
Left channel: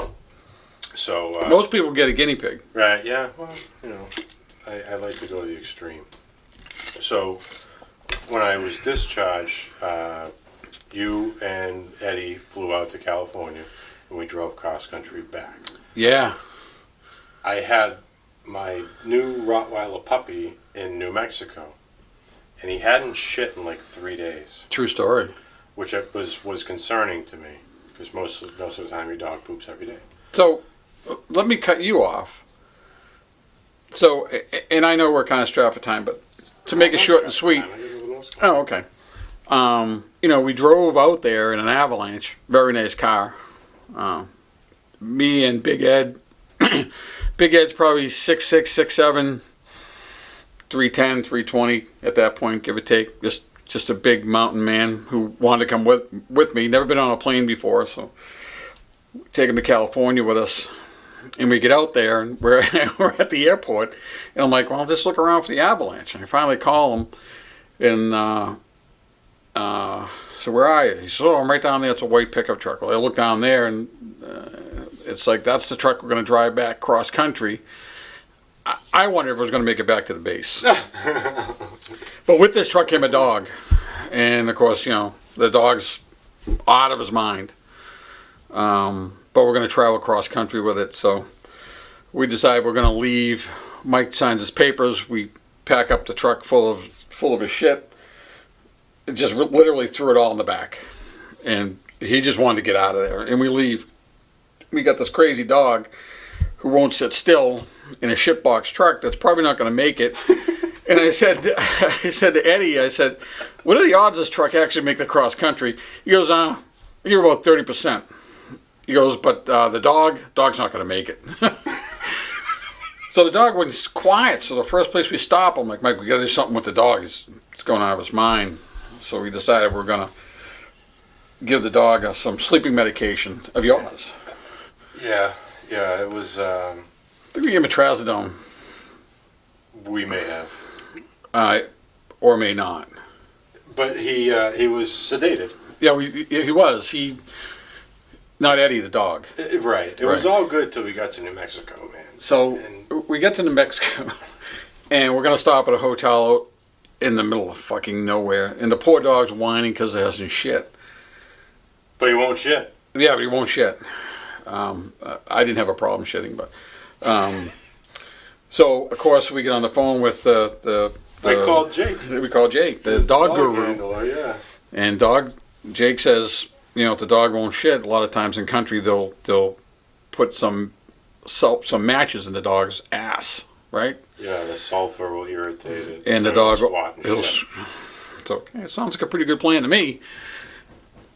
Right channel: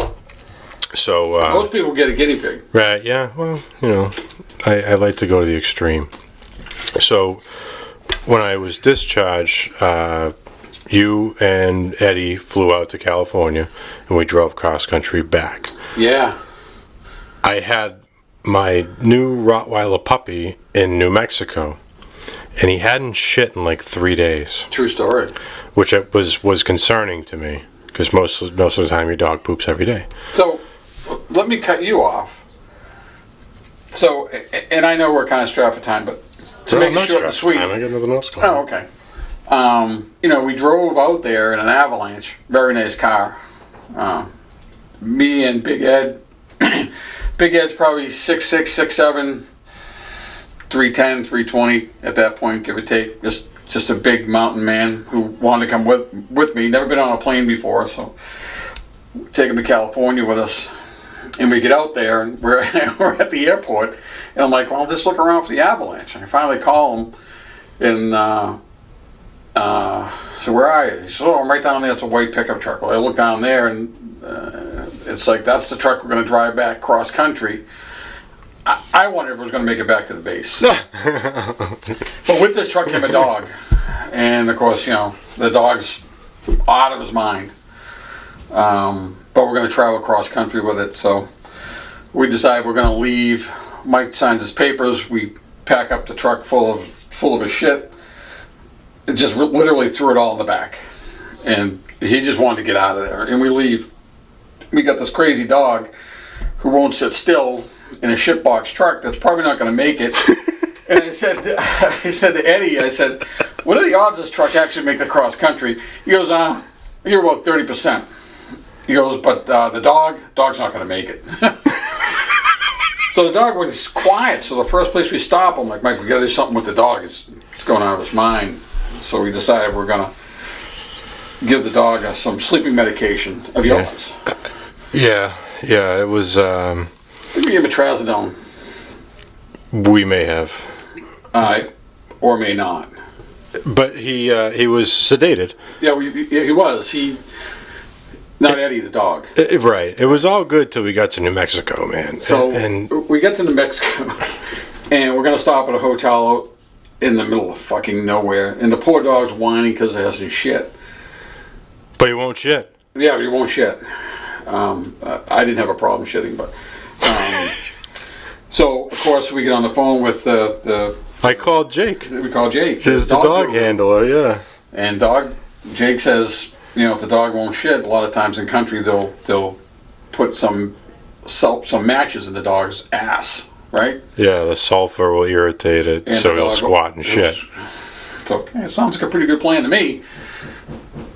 So most people get a guinea pig. Right, yeah. Well, I like to go to the extreme. So when I was discharged, you and Eddie flew out to California, and we drove cross-country back. Yeah. I had my new Rottweiler puppy in New Mexico, and he hadn't shit in like 3 days. True story. Which was concerning to me, because most of the time your dog poops every day. So, let me cut you off. So, and I know we're kind of strapped for time, but to make it short and sweet. I got nothing else going on. Oh, okay. We drove out there in an Avalanche. Very nice car. Me and Big Ed. Big Ed's probably 6'6", 6'7", 310, 320 at that point, give or take. Just a big mountain man who wanted to come with me. Never been on a plane before, so take him to California with us. And we get out there, and we're at the airport, and I'm like, well, just look around for the Avalanche. And I finally call him, and so where are you? He said, oh, I'm right down there. It's a white pickup truck. Well, I look down there, and it's like, that's the truck we're going to drive back cross country. I wondered if it was going to make it back to the base. But with this truck came a dog. And, of course, the dog's out of his mind. But we're going to travel cross country with it. So we decided we're going to leave. Mike signs his papers. We pack up the truck full of his shit. And just literally threw it all in the back. And he just wanted to get out of there. And we leave. We got this crazy dog who won't sit still in a shitbox truck that's probably not going to make it. And I said to Eddie, I said, what are the odds this truck actually make the cross country? He goes, you're about 30%. He goes, but the dog's not going to make it. So the dog was quiet. So the first place we stop, I'm like, Mike, we got to do something with the dog. It's going out of his mind. So we decided we're going to give the dog some sleeping medication of yours. Yeah, it was... We gave him a trazodone. We may have. Or may not. But he was sedated. Yeah, he was. Not Eddie, the dog. Right. It was all good till we got to New Mexico, man. So we get to New Mexico, and we're going to stop at a hotel in the middle of fucking nowhere. And the poor dog's whining because it hasn't shit. But he won't shit. Yeah, but he won't shit. I didn't have a problem shitting, but... so, of course, we get on the phone with I called Jake. We call Jake. He's the dog handler, yeah. And Jake says, if the dog won't shit, a lot of times in country they'll put some matches in the dog's ass, right? Yeah, the sulfur will irritate it, and so it'll squat and shit. So it sounds like a pretty good plan to me.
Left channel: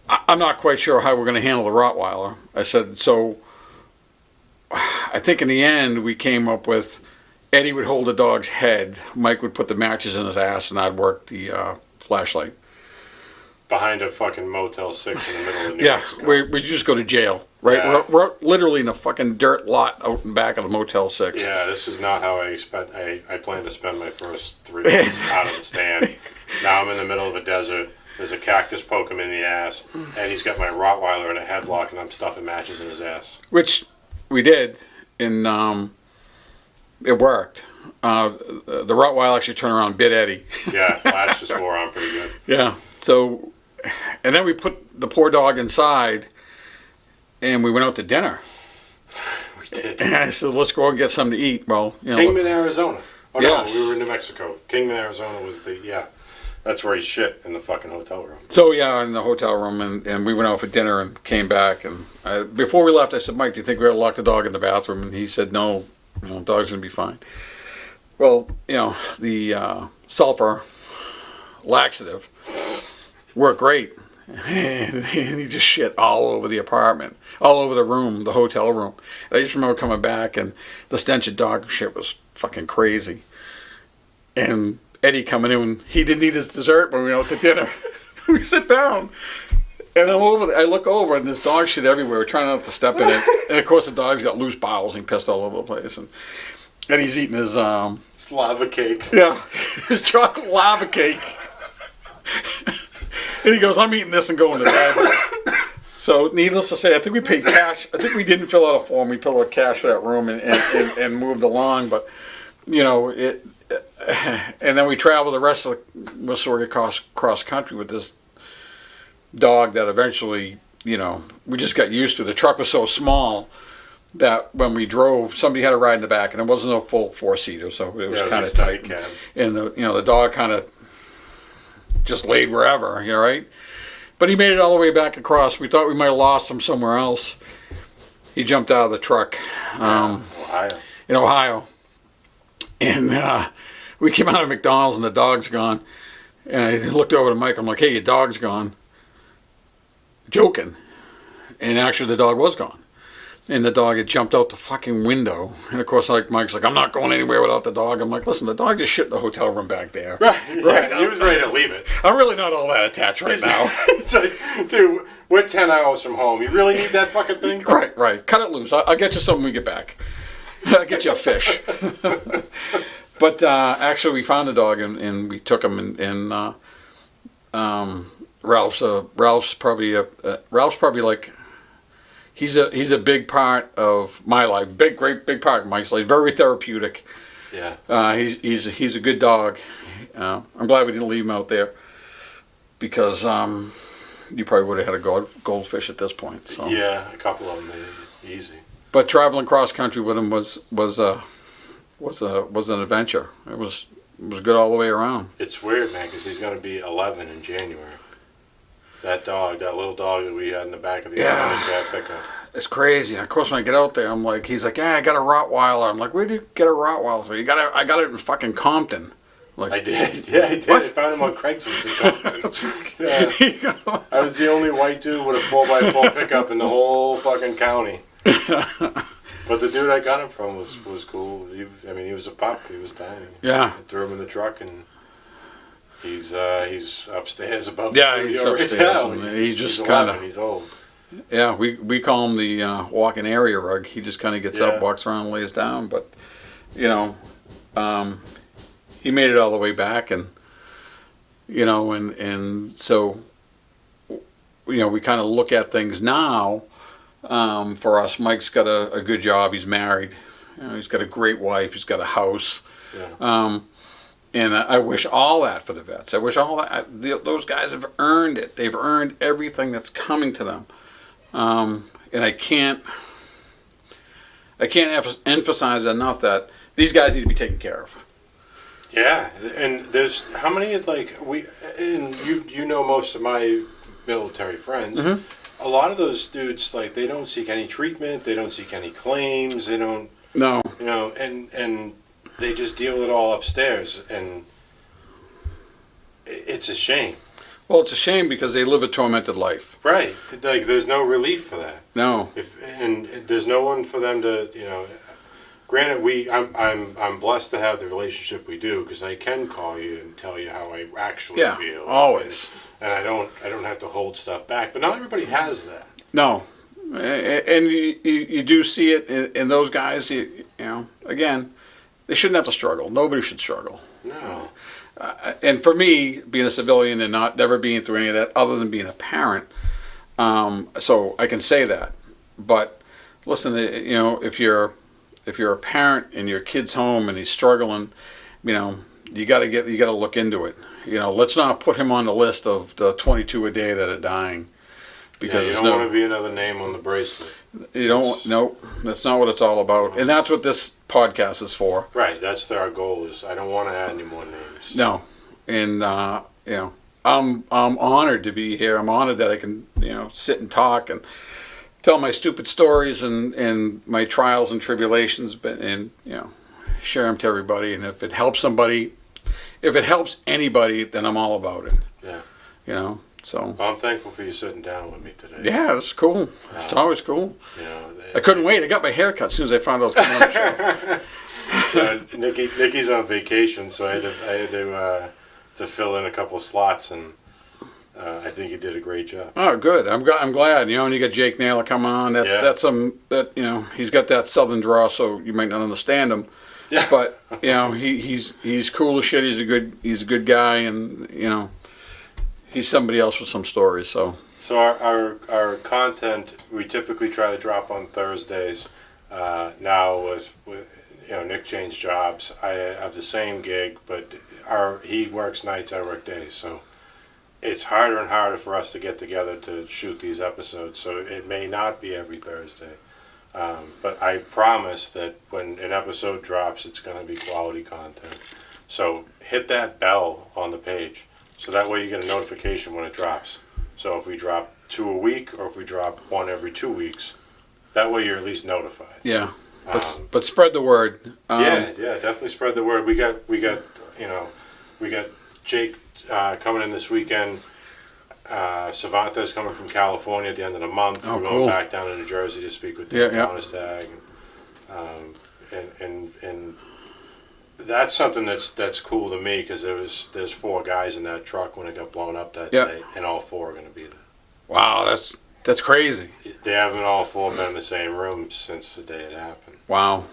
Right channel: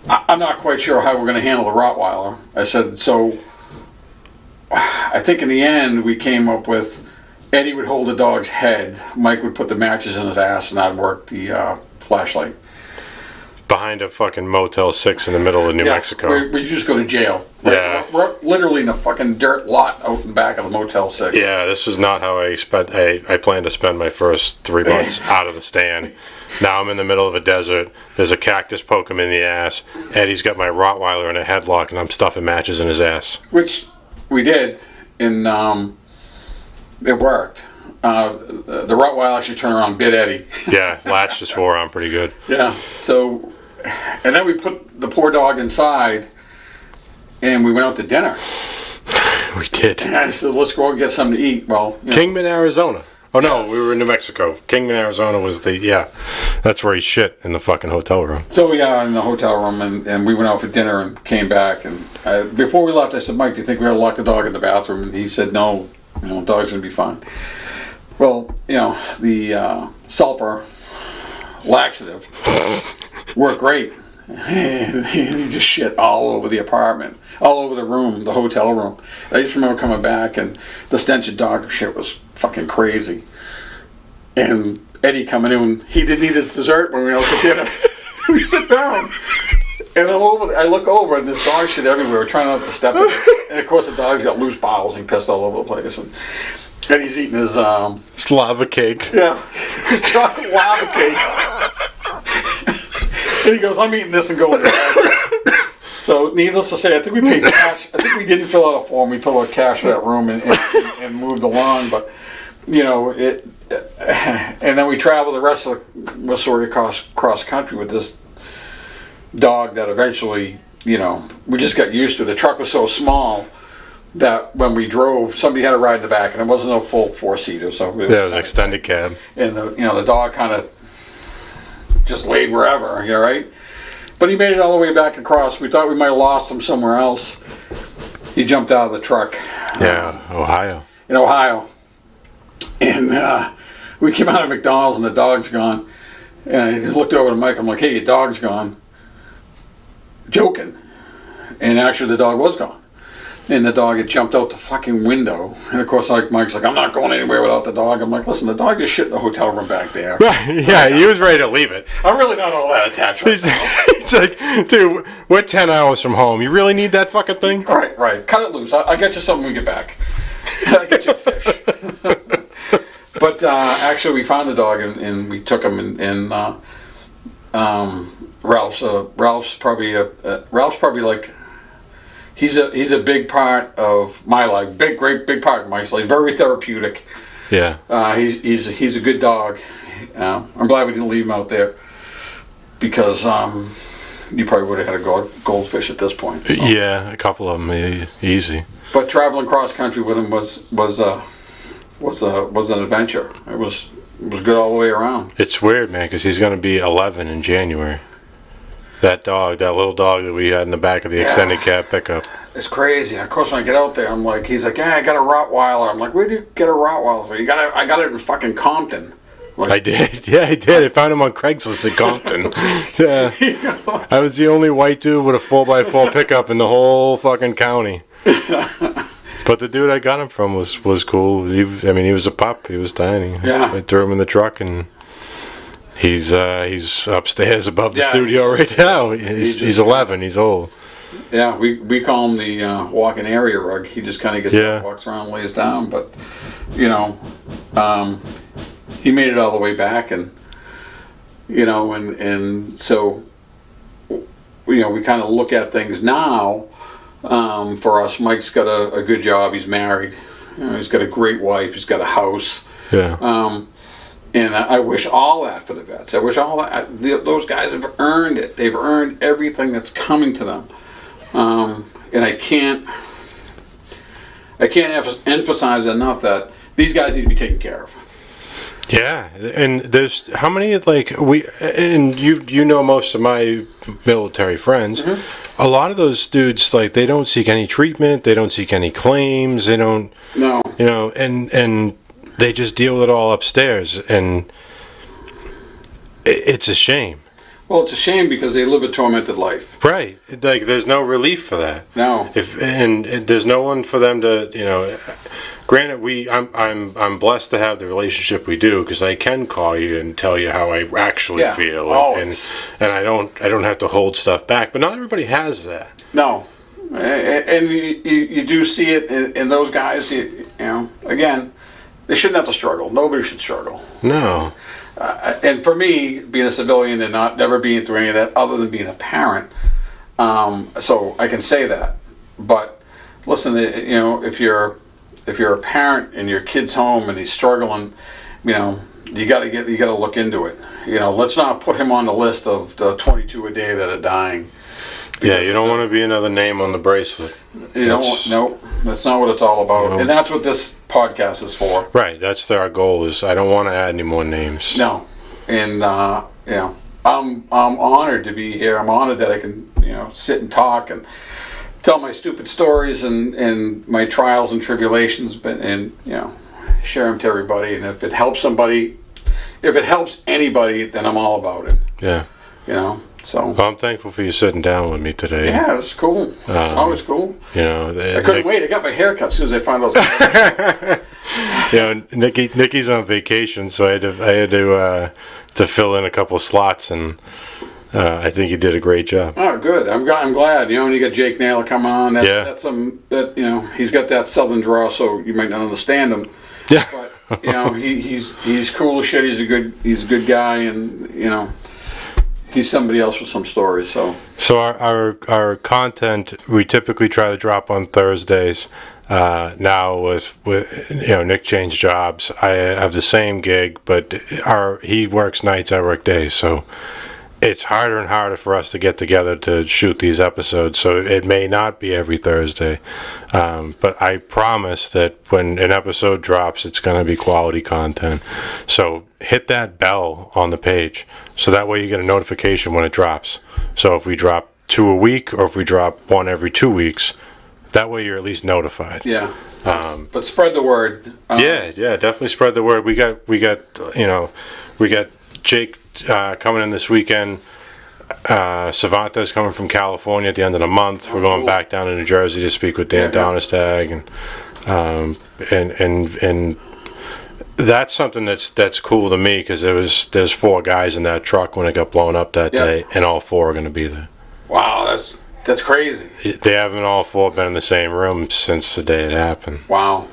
I'm not quite sure how we're going to handle a Rottweiler. I said, so I think in the end we came up with Eddie would hold the dog's head, Mike would put the matches in his ass, and I'd work the flashlight. Behind a fucking Motel 6 in the middle of New Mexico. We just go to jail. Right? Yeah. We're literally in a fucking dirt lot out in back of the Motel 6. Yeah, this was not how I planned to spend my first 3 months out of the stand. Now I'm in the middle of a desert. There's a cactus poking him in the ass. Eddie's got my Rottweiler in a headlock, and I'm stuffing matches in his ass. Which we did, and it worked. The Rottweiler actually turned around and bit Eddie. Yeah, latched his forearm pretty good. Yeah, so, and then we put the poor dog inside, and we went out to dinner. We did. And I said, let's go and get something to eat. Well, Kingman, Arizona. Oh, yes. No, we were in New Mexico. Kingman, Arizona was that's where he shit, in the fucking hotel room. So, yeah, in the hotel room, and we went out for dinner and came back. And before we left, I said, Mike, do you think we ought to lock the dog in the bathroom? And he said, no, the dog's going to be fine. Well, the sulfur laxative worked great. And he just shit all over the apartment, all over the room, the hotel room. I just remember coming back, and the stench of dog shit was fucking crazy. And Eddie coming in. He didn't eat his dessert, but we went out to dinner. We sit down, and I look over, and there's dog shit everywhere. We're trying not to step in it, and of course the dog's got loose bowels. And he pissed all over the place, and he's eating his lava cake. Yeah, his chocolate lava cake. And he goes, "I'm eating this and going to bed." So, needless to say, I think we paid cash. I think we didn't fill out a form. We filled out cash for that room and moved along. But, you know, and then we traveled the rest of Missouri cross country with this dog that eventually, you know, we just got used to. The truck was so small that when we drove, somebody had to ride in the back, and it wasn't a full 4-seater, so it was an extended cab. And the dog kind of just laid wherever, you know, right? But he made it all the way back across. We thought we might have lost him somewhere else. He jumped out of the truck. Ohio. In Ohio. And we came out of McDonald's and the dog's gone. And I looked over to Mike. I'm like, "Hey, your dog's gone." Joking. And actually the dog was gone. And the dog had jumped out the fucking window. And of course, like Mike's like, "I'm not going anywhere without the dog." I'm like, "Listen, the dog just shit in the hotel room back there." Yeah, he was ready to leave it. I'm really not all that attached right now. He's like, "Dude, we're 10 hours from home. You really need that fucking thing?" Right. Cut it loose. I'll get you something when we get back. I'll get you a fish. But actually, we found the dog and we took him and Ralph's probably like. He's a big part of my life. Great big part of my life. Very therapeutic. Yeah. He's a good dog. I'm glad we didn't leave him out there because you probably would have had a goldfish at this point. So. Yeah, a couple of them easy. But traveling cross country with him was an adventure. It was good all the way around. It's weird, man, because he's going to be 11 in January. That little dog that we had in the back of the extended cab pickup. It's crazy. Of course, when I get out there, I'm like, he's like, "Yeah, I got a Rottweiler." I'm like, "Where do you get a Rottweiler?" I got it in fucking Compton. Like, I did. Yeah, I did. I found him on Craigslist in Compton. Yeah. I was the only white dude with a 4x4 pickup in the whole fucking county. But the dude I got him from was cool. He was a pup. He was tiny. Yeah. I threw him in the truck and... He's upstairs above the studio right now. He's 11. He's old. Yeah, we call him the walking area rug. He just kind of gets up, walks around, lays down. But you know, he made it all the way back, and you know, and so you know, we kind of look at things now. For us, Mike's got a good job. He's married. You know, he's got a great wife. He's got a house. Yeah. And I wish all that for the vets. I wish all that. Those guys have earned it. They've earned everything that's coming to them. And I can't emphasize enough that these guys need to be taken care of. Yeah, and there's how many you know most of my military friends. Mm-hmm. A lot of those dudes they don't seek any treatment. They don't seek any claims. They don't. No. You know, and they just deal with it all upstairs, and it's a shame. Well, it's a shame because they live a tormented life. Right. Like, there's no relief for that. No. And there's no one for them to, you know. Granted, I'm blessed to have the relationship we do because I can call you and tell you how I actually feel, always. and I don't have to hold stuff back. But not everybody has that. No. And you do see it in those guys. You know, again. They shouldn't have to struggle. Nobody should struggle. No. And for me, being a civilian and never being through any of that, other than being a parent, so I can say that. But listen, you know, if you're a parent and your kid's home and he's struggling, you know, you got to look into it. You know, let's not put him on the list of the 22 a day that are dying. Yeah, you don't want to be another name on the bracelet. You don't. Nope. That's not what it's all about. No. And that's what this podcast is for. Right. That's our goal. Is I don't want to add any more names. No. And you know, I'm honored to be here. I'm honored that I can, you know, sit and talk and tell my stupid stories and my trials and tribulations, and you know, share them to everybody. And if it helps somebody, if it helps anybody, then I'm all about it. Yeah. You know. So Well, I'm thankful for you sitting down with me today. yeah, it's cool. It's always cool. You know, I couldn't wait. I got my hair cut as soon as I found out. Yeah, Nikki's on vacation, so I had to fill in a couple of slots, and I think you did a great job. Oh, good. I'm glad. You know, when you get Jake Naylor come on, that's you know, he's got that southern draw, so you might not understand him. Yeah. But you know, he's cool as shit. He's a good guy, and you know, he's somebody else with some stories. So our content, we typically try to drop on Thursdays. Now with you know, Nick changed jobs. I have the same gig, but he works nights, I work days, so it's harder and harder for us to get together to shoot these episodes. So it may not be every Thursday, but I promise that when an episode drops, it's going to be quality content. So hit that bell on the page, so that way you get a notification when it drops. So if we drop 2 a week, or if we drop 1 every 2 weeks, that way you're at least notified. yeah. But spread the word. Yeah, definitely spread the word. We got Jake coming in this weekend. Savanta's coming from California at the end of the month. We're going back down to New Jersey to speak with Dan Donestag, and that's something that's cool to me, because there's 4 guys in that truck when it got blown up that day, and all 4 are going to be there. Wow, that's crazy. They haven't all 4 been in the same room since the day it happened. Wow,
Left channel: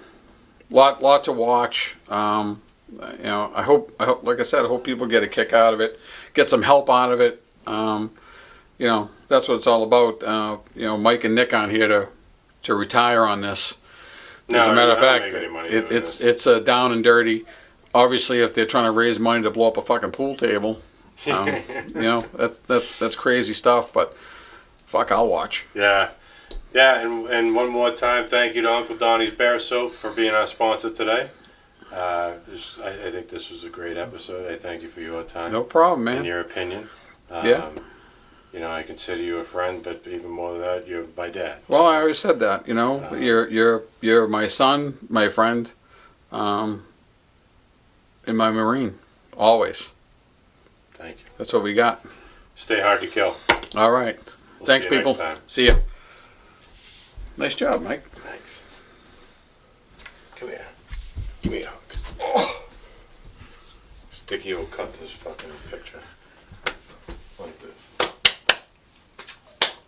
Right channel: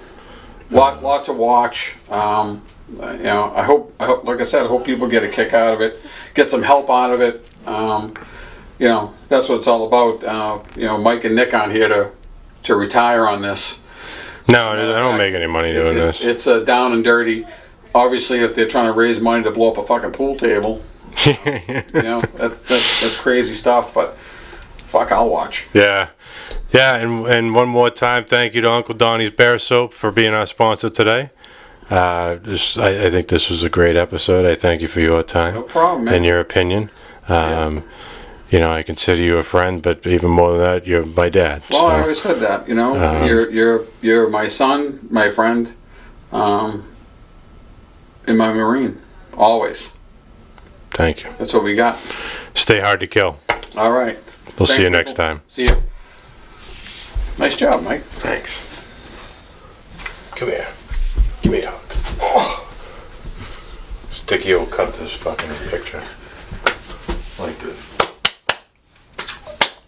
lot to watch. You know, I hope, like I said, I hope people get a kick out of it, get some help out of it. You know, that's what it's all about. You know, Mike and Nick on here to retire on this. No, I don't make any money doing this. It's down and dirty. Obviously, if they're trying to raise money to blow up a fucking pool table, you know, that's crazy stuff. But fuck, I'll watch. Yeah, and one more time, thank you to Uncle Donnie's Bear Soap for being our sponsor today. I think this was a great episode. I thank you for your time. No problem, man. And your opinion. You know, I consider you a friend, but even more than that, you're my dad. Well, I always said that. You know, you're my son, my friend, and my Marine, always. Thank you. That's what we got. Stay hard to kill. All right. We'll see you next time. See ya. Nice job, Mike. Thanks. Come here. Give me a hug. Oh. Sticky will cut this fucking picture. Like this.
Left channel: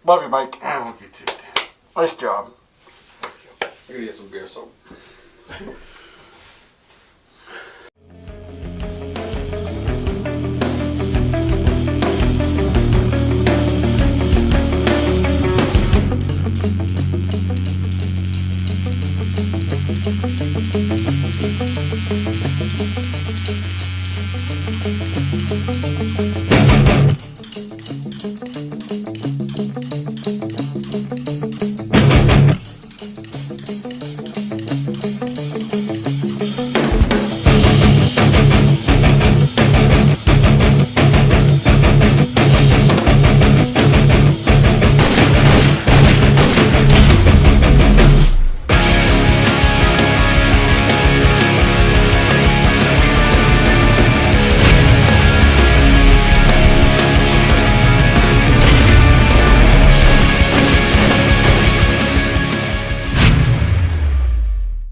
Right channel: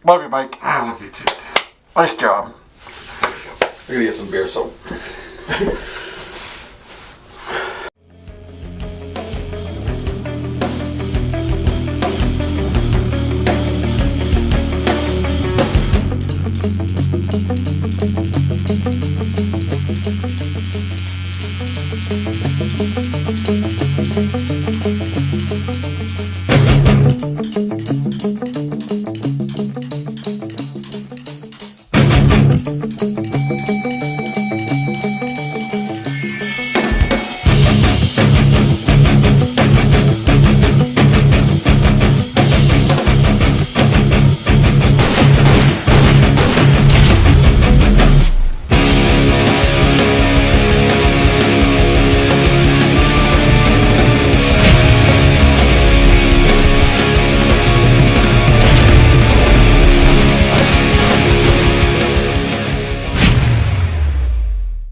Love you, Mike. I love you too. Nice job. I'm gonna get some beer soap.